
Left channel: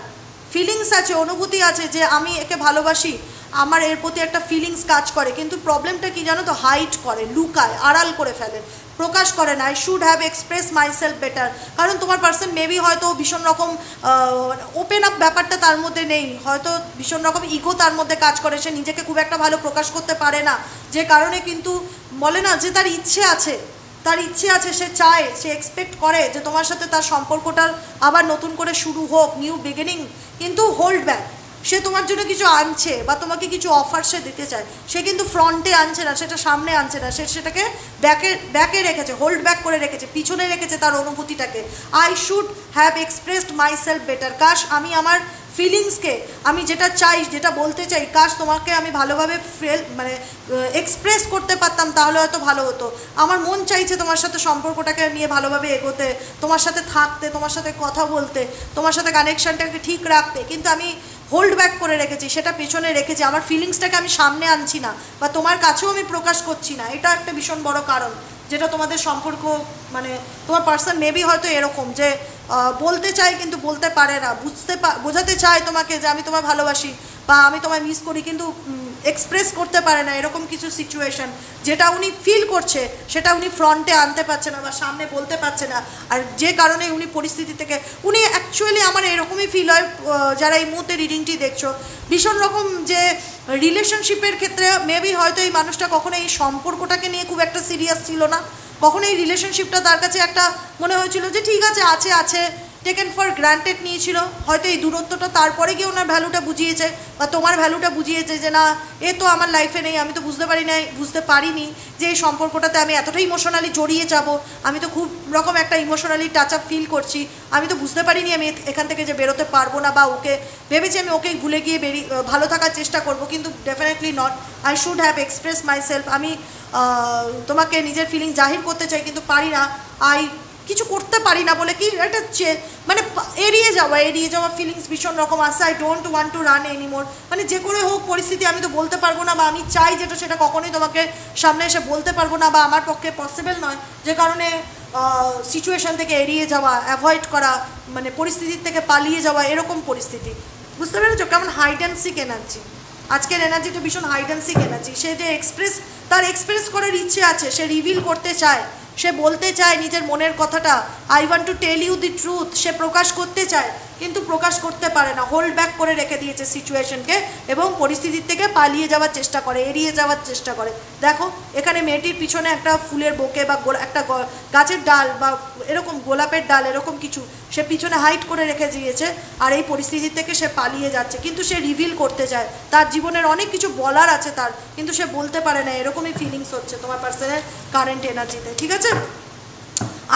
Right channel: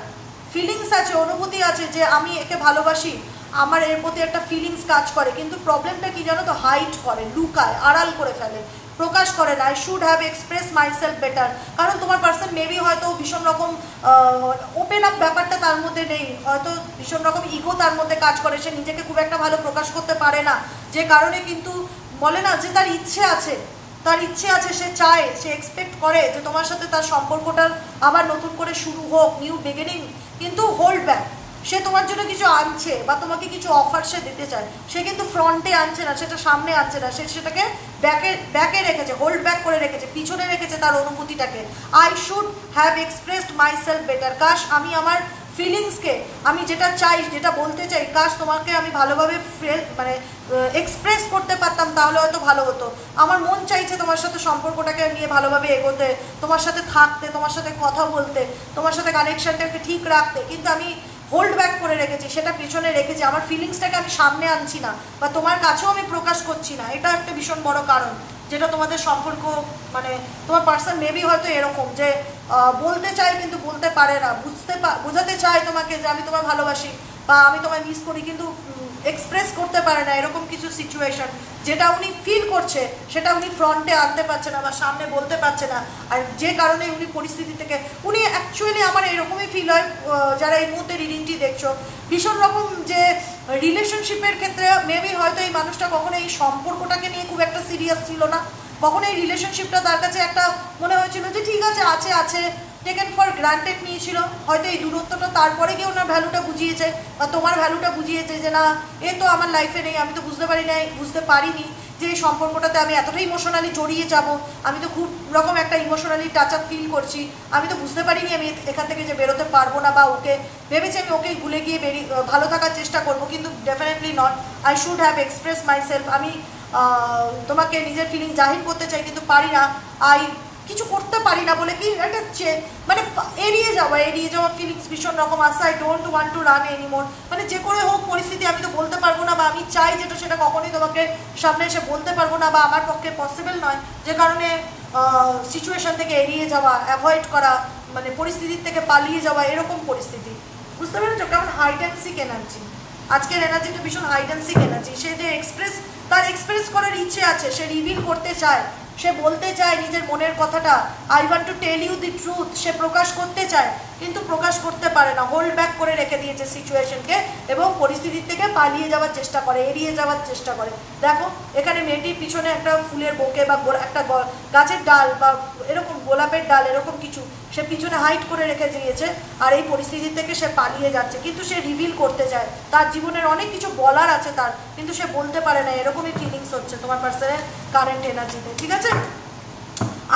feelings আছে, অনুভূতি আছে যে আমি একে ভালোবাসি, আমার এর প্রতি একটা ফিলিংস কাজ করে, কিন্তু প্রবলেমটা কি জানো তো, হাইড করে, লুকায়, আড়াল করে ফেলে, প্রকাশ করে না। I should have express myself better, কারণ তোমার পার্সন মেবি হয়তো ভীষণ রকম ওপেন আপ ব্যাপারটা তার মধ্যে নেই, হয়তো ভীষণ রকম ইগো তার মধ্যে কাজ করে, সে নিজেকে খুব একটা ভালো প্রকাশ করতে পারে না, যে কারণে কিন্তু বলে না যে তার ইচ্ছে আছে, সে চায়, সে এক্সপেক্ট করে যে তোমার সাথে তার সম্পর্কটা আবার নতুন করে শুরু হোক, নিউ বিগিনিং, কিন্তু হোল্ড ব্যাক। সে তোমার জন্য কিছু আনছে বা তোমাকে কিছু অফার সে দিতে চায়, সে কিন্তু ফ্রন্টে আনছে না, সেটা সামনে আনছে না, সে সেটাকে ব্যাকে রেখেছে, হোল্ড ব্যাক করে রেখেছে, পিছনে রেখেছে তার অনুভূতিটাকে। I should have expressed myself better, কাশ আমি আমার ফিলিংসকে, আমি যেটা চাই, যেটা বলতে চাই, কাশ তোমাকে আমি ভালোভাবে এক্সপ্রেস করতে পারতাম, তাহলে হয়তো ভালো হতো। আমার মন চাইছে তোমার সাথে সম্পর্কটাকে নিয়ে ভালোভাবে এগোতে, তোমার সাথে থাকতে, তোমার সাথে কথা বলতে, তোমার সাথে কানেকশনটাকে ঠিক রাখতে, কিন্তু আমি হোল্ড ব্যাক করে রেখেছি, সেটা পেছনে রেখেছি, আমার ফিলিংসটাকে আমি সামনে আনছি না, বা তোমার কাছেও আমি প্রকাশ করছি না। এটা একটা ভীষণ বড় কারণ, যেটা তোমাদের সম্পর্ক তোমার পার্সন মেবি হয়তো এরকম যে বলতে চায় কিন্তু বলতে পারে না, বোঝাতে চায় তোমাকে যে আমি তোমায় ভালোবাসি বা আমি তোমায় মিস করি, কিন্তু এক্সপ্রেস করতে পারে না, এরকম কিছু সিচুয়েশন যেটা উনি ফিল করছে সেটা উনি ফ্রন্টে আনতে পারছে না বা সামনে বলতে পারছে না। আর যে কারণে উনি পরিস্থিতি থেকে উনি অ্যাকচুয়ালি, আমার এরকমই ফিল হয় যারা এই মুহূর্তে রিডিংটি দেখছো, ভীষণ রকম যে রিলেশনশিপের ক্ষেত্রে মেবি হয়তো এই মানুষটা কখনো এই সম্পর্কটাকে নিয়ে খুব একটা সিরিয়াস ছিল না, কখনো এই রিলেশনশিপটা তার কাছে একটা মনে হয়েছিল যে ঠিক আছে আছে, টেকেন ফর গ্রান্টেড নিয়েছিল। হয়তো এই দূরত্বটা তারপরে গিয়ে ওনার ভ্যালুটা বুঝিয়েছে বা তোমার ভ্যালুটা বুঝিয়েছে যে না, এ তো আমার লাইফে নেই, আমি তো বুঝতে পারিনি যে এই সম্পর্কটাতে আমি এতটা ইমোশনালি জড়িয়ে যাব, আমি তো খুব রকম একটা ইমোশনালি টাচ আপ ফিল করছি, আমি তো বুঝতে পারিনি আমি এখান থেকে যে বেরোতে পারবো না, বা ওকে ভেবেছি আমি ওকে ভুলে গিয়ে ভালো থাকার চেষ্টা করব, কিন্তু definitely not. I should have express myself, আমি তোমাকে নিজের ফিলিং জাহির করতে চাই কিন্তু পারি না, কিছু করতে পারি না বলে কি একটা মানে এড়িয়ে যাওয়া ফিলিংস ভীষণ রকম আসে। I don't want to run anymore, মানে যে করে হোক পরিস্থিতি আমি তো বলতে পারবো না, বা আমি চাই যেটা সেটা কখনোই তোমাকে সামনে এসে বলতে পারবো না, বা আমার পক্ষে পসিবল নয়, যে কারণে সিচুয়েশন থেকে এড়িয়ে যাওয়া, অ্যাভয়েড করা, মানে পরিস্থিতির থেকে পালিয়ে যাওয়া, এরকম পরিস্থিতি। বুঝতে পেরেছো কেমন হাইড অ্যান্ড সিক এনার্জি? আজকের এনার্জিটা ভীষণ হাইড অ্যান্ড সিক এনার্জি। সে যে তার এক্সপ্রেস করার ইচ্ছে আছে, সে রিভিল করতে চায়, সে বলতে চায় নিজের মনের কথাটা, I want to tell you the truth, সে প্রকাশ করতে চায় কিন্তু প্রকাশ করতে পারে না, হোল্ড ব্যাক করে রেখে দিয়েছে সিচুয়েশনকে এবং পরিস্থিতির থেকে পালিয়ে যাওয়ার চেষ্টা করে, এড়িয়ে যাওয়ার চেষ্টা করে। দেখো এখানে মেয়েটির পিছনে একটা ফুলের বোকে বা একটা গাছের ডাল বা এরকম গোলাপের ডাল এরকম কিছু সে পিছনে হাইড করে রেখে দিয়েছে, আর এই পরিস্থিতি থেকে সে পালিয়ে যাচ্ছে, কিন্তু সে রিভিল করতে চায়, তার জীবনের অনেক কিছু বলার আছে তার, কিন্তু সে বলতে পারে না, এরকমই ফিলিংস হচ্ছে তোমার পার্সনের কারেন্ট এনার্জিতে। ঠিক আছে,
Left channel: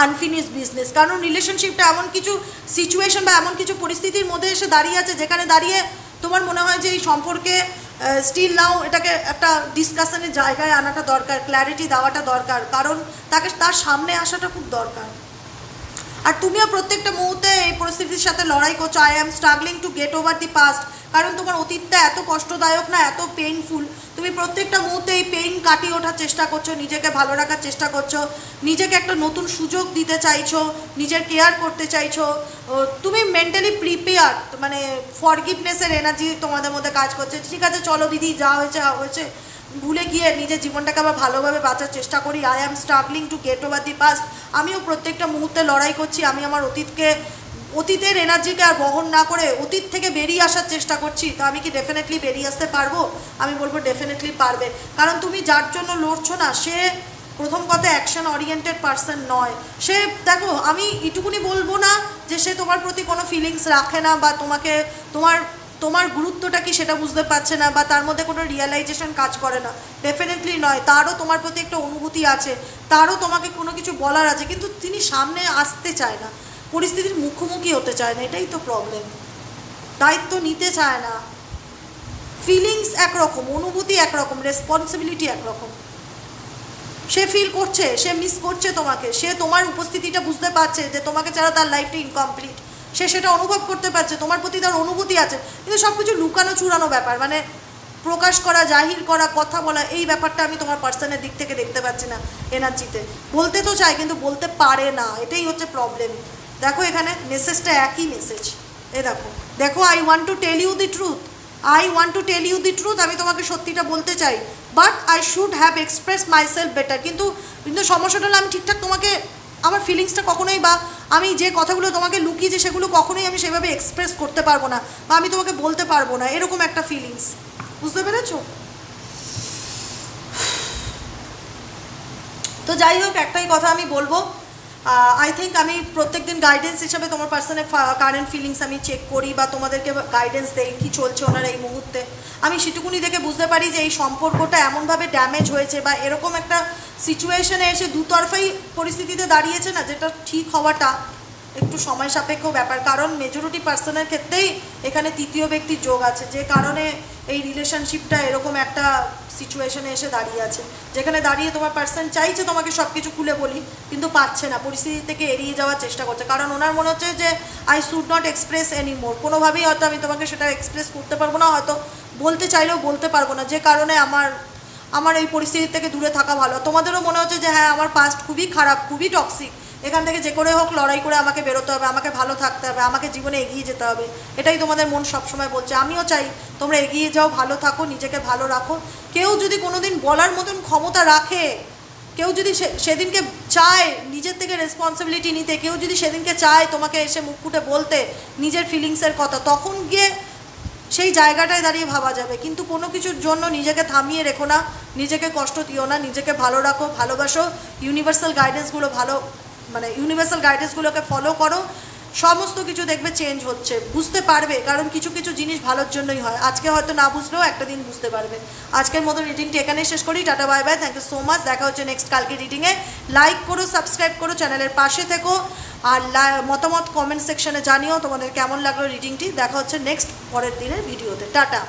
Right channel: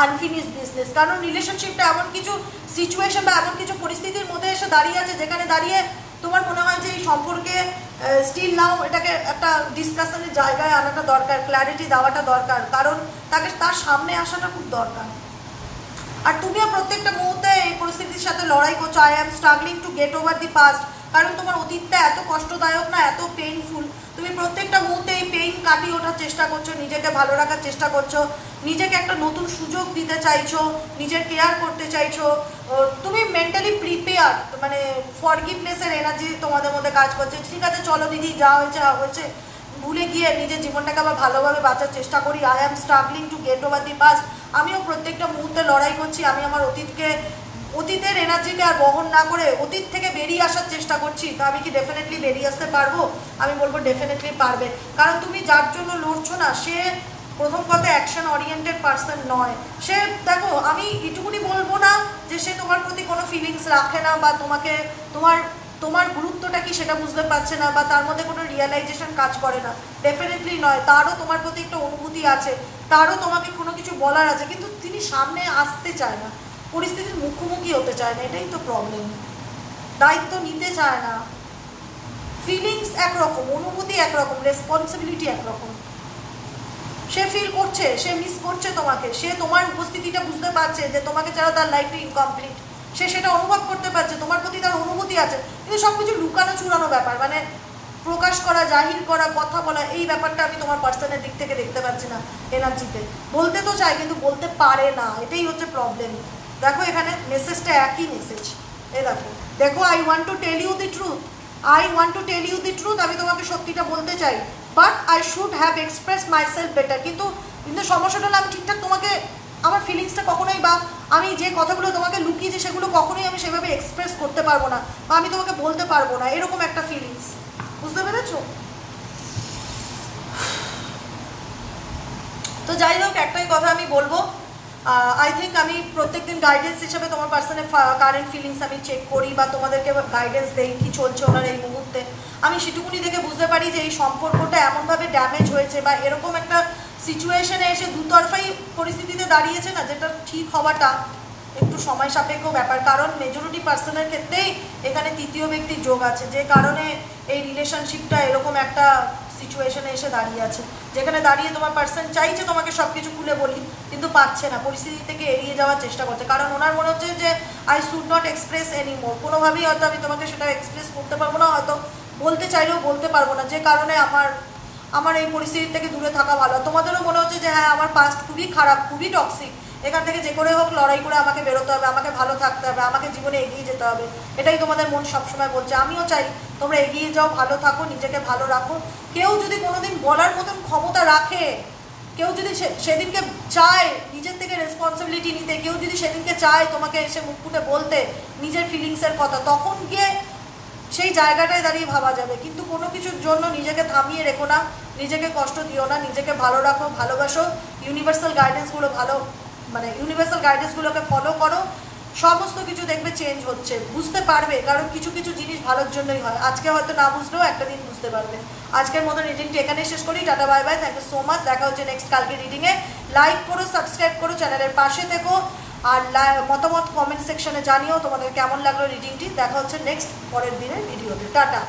আনফিনিশ বিজনেস, কারণ রিলেশনশিপটা এমন কিছু সিচুয়েশন বা এমন কিছু পরিস্থিতির মধ্যে এসে দাঁড়িয়ে আছে যেখানে দাঁড়িয়ে তোমার মনে হয় যে এই সম্পর্কে স্টিল নাও এটাকে একটা ডিসকাশনের জায়গায় আনাটা দরকার, ক্ল্যারিটি দেওয়াটা দরকার, কারণ তার সামনে আসাটা খুব দরকার। আর তুমিও প্রত্যেকটা মুহূর্তে এই পরিস্থিতির সাথে লড়াই করছো। I am struggling to get over the past, কারণ তোমার অতীতটা এত কষ্টদায়ক না, এত পেইনফুল, তুমি প্রত্যেকটা মুহূর্তে এই পেইন কাটিয়ে ওঠার চেষ্টা করছো, নিজেকে ভালো রাখার চেষ্টা করছো, নিজেকে একটা নতুন সুযোগ দিতে চাইছো, নিজের কেয়ার করতে চাইছো, তুমি মেন্টালি প্রিপেয়ার, মানে ফরগিভনেসের এনার্জি তোমাদের মধ্যে কাজ করছে। ঠিক আছে চলো দিদি, যা হয়েছে হয়েছে, ভুলে গিয়ে নিজের জীবনটাকে আবার ভালোভাবে বাঁচার চেষ্টা করি। I am struggling to get over the past. আমিও প্রত্যেকটা মুহূর্তে লড়াই করছি, আমি আমার অতীতের এনার্জিকে আর বহন না করে অতীত থেকে বেরিয়ে আসার চেষ্টা করছি। তো আমি কি ডেফিনেটলি বেরিয়ে আসতে পারবো? আমি বলবো ডেফিনেটলি পারবে, কারণ তুমি যার জন্য লড়ছো না সে প্রথম কথা অ্যাকশন ওরিয়েন্টেড পার্সন নয়। সে দেখো, আমি এটুকুনি বলবো না যে সে তোমার প্রতি কোনো ফিলিংস রাখে না, বা তোমাকে তোমার গুরুত্বটা কি সেটা বুঝতে পারছে না, বা তার মধ্যে কোনো রিয়েলাইজেশন কাজ করে না, ডেফিনেটলি নয়। তারও তোমার প্রতি একটা অনুভূতি আছে, তারও তোমাকে কোনো কিছু বলার আছে, কিন্তু তিনি সামনে আসতে চায় না, পরিস্থিতির মুখোমুখি হতে চায় না, এটাই তো প্রবলেম। দায়িত্ব নিতে চায় না। ফিলিংস একরকম, অনুভূতি একরকম, রেসপন্সিবিলিটি একরকম। সে ফিল করছে, সে মিস করছে তোমাকে, সে তোমার উপস্থিতিটা বুঝতে পারছে যে তোমাকে ছাড়া তার লাইফটা ইনকমপ্লিট, সে সেটা অনুভব করতে পারছে, তোমার প্রতি তার অনুভূতি আছে, কিন্তু সব কিছু লুকানো চুরানো ব্যাপার, মানে প্রকাশ করা, জাহির করা, কথা বলা, এই ব্যাপারটা আমি তোমার পার্সনের দিক থেকে দেখতে পাচ্ছি না এনার্জিতে। বলতে তো চায় কিন্তু বলতে পারে না, এটাই হচ্ছে প্রবলেম। দেখো এখানে মেসেজটা একই মেসেজ, এই দেখো দেখো, I want to tell you the truth, I want to tell you the truth, আমি তোমাকে সত্যিটা বলতে চাই, but I should have express myself better. কিন্তু সমস্যাটা হলো আমি ঠিকঠাক তোমাকে আমার ফিলিংসটা কখনোই, বা আমি যে কথাগুলো তোমাকে লুকিয়েছি সেগুলো কখনোই আমি সেভাবে এক্সপ্রেস করতে পারবো না, বা আমি তোমাকে বলতে পারবো না, এরকম একটা ফিলিংস। বুঝতে পেরেছো? তো যাই হোক, একটাই কথা আমি বলবো, আই থিঙ্ক আমি প্রত্যেকদিন গাইডেন্স হিসেবে তোমার পার্সনের কারেন্ট ফিলিংস আমি চেক করি, বা তোমাদেরকে গাইডেন্স দেই কী চলছে ওনার এই মুহূর্তে। আমি সেটুকুনি দেখে বুঝতে পারি যে এই সম্পর্কটা এমনভাবে ড্যামেজ হয়েছে, বা এরকম একটা সিচুয়েশনে এসে দুতরফাই পরিস্থিতিতে দাঁড়িয়েছে না, যেটা ঠিক হওয়াটা একটু সময় সাপেক্ষ ব্যাপার। কারণ মেজরিটি পার্সনের ক্ষেত্রেই এখানে তৃতীয় ব্যক্তির যোগ আছে, যে কারণে এই রিলেশনশিপটা এরকম একটা সিচুয়েশনে এসে দাঁড়িয়ে আছে, যেখানে দাঁড়িয়ে তোমার পার্সন চাইছে তোমাকে সব কিছু খুলে বলি, কিন্তু পারছে না, পরিস্থিতি থেকে এড়িয়ে যাওয়ার চেষ্টা করছে। কারণ ওনার মনে হচ্ছে যে I should not express any more, কোনোভাবেই হয়তো আমি তোমাকে সেটা এক্সপ্রেস করতে পারবো না, হয়তো বলতে চাইলেও বলতে পারবো না, যে কারণে আমার এই পরিস্থিতি থেকে দূরে থাকা ভালো। তোমাদেরও মনে হচ্ছে যে হ্যাঁ আমার পাস্ট খুবই খারাপ, খুবই টক্সিক, এখান থেকে যে করে হোক লড়াই করে আমাকে বেরোতে হবে, আমাকে ভালো থাকতে হবে, আমাকে জীবনে এগিয়ে যেতে হবে, এটাই তোমাদের মন সবসময় বলছে। আমিও চাই তোমরা এগিয়ে যাও, ভালো থাকো, নিজেকে ভালো রাখো। কেউ যদি কোনোদিন বলার মতন ক্ষমতা রাখে, কেউ যদি সেদিনকে চায় নিজের থেকে রেসপন্সিবিলিটি নিতে, কেউ যদি সেদিনকে চায় তোমাকে এসে মুখ ফুটে বলতে নিজের ফিলিংসের কথা, তখন গিয়ে সেই জায়গাটায় দাঁড়িয়ে ভাবা যাবে। কিন্তু কোনো কিছুর জন্য নিজেকে থামিয়ে রেখো না, নিজেকে কষ্ট দিও না, নিজেকে ভালো রাখো, ভালোবাসো, ইউনিভার্সাল গাইডেন্সগুলোকে ফলো করো, সমস্ত কিছু দেখবে চেঞ্জ হচ্ছে, বুঝতে পারবে। কারণ কিছু কিছু জিনিস ভালোর জন্যই হয়, আজকে হয়তো না বুঝলেও একটা দিন বুঝতে পারবে। আজকের মতো রিডিংটি এখানেই শেষ করি, tata bye bye, thank you so much. দেখা হচ্ছে নেক্সট কালকে রিডিংয়ে। লাইক করো, সাবস্ক্রাইব করো, চ্যানেলের পাশে থেকো, আর মতামত কমেন্ট সেকশনে জানিও তোমাদের কেমন লাগলো রিডিংটি। দেখা হচ্ছে নেক্সট পরের দিনের ভিডিওতে। টাটা।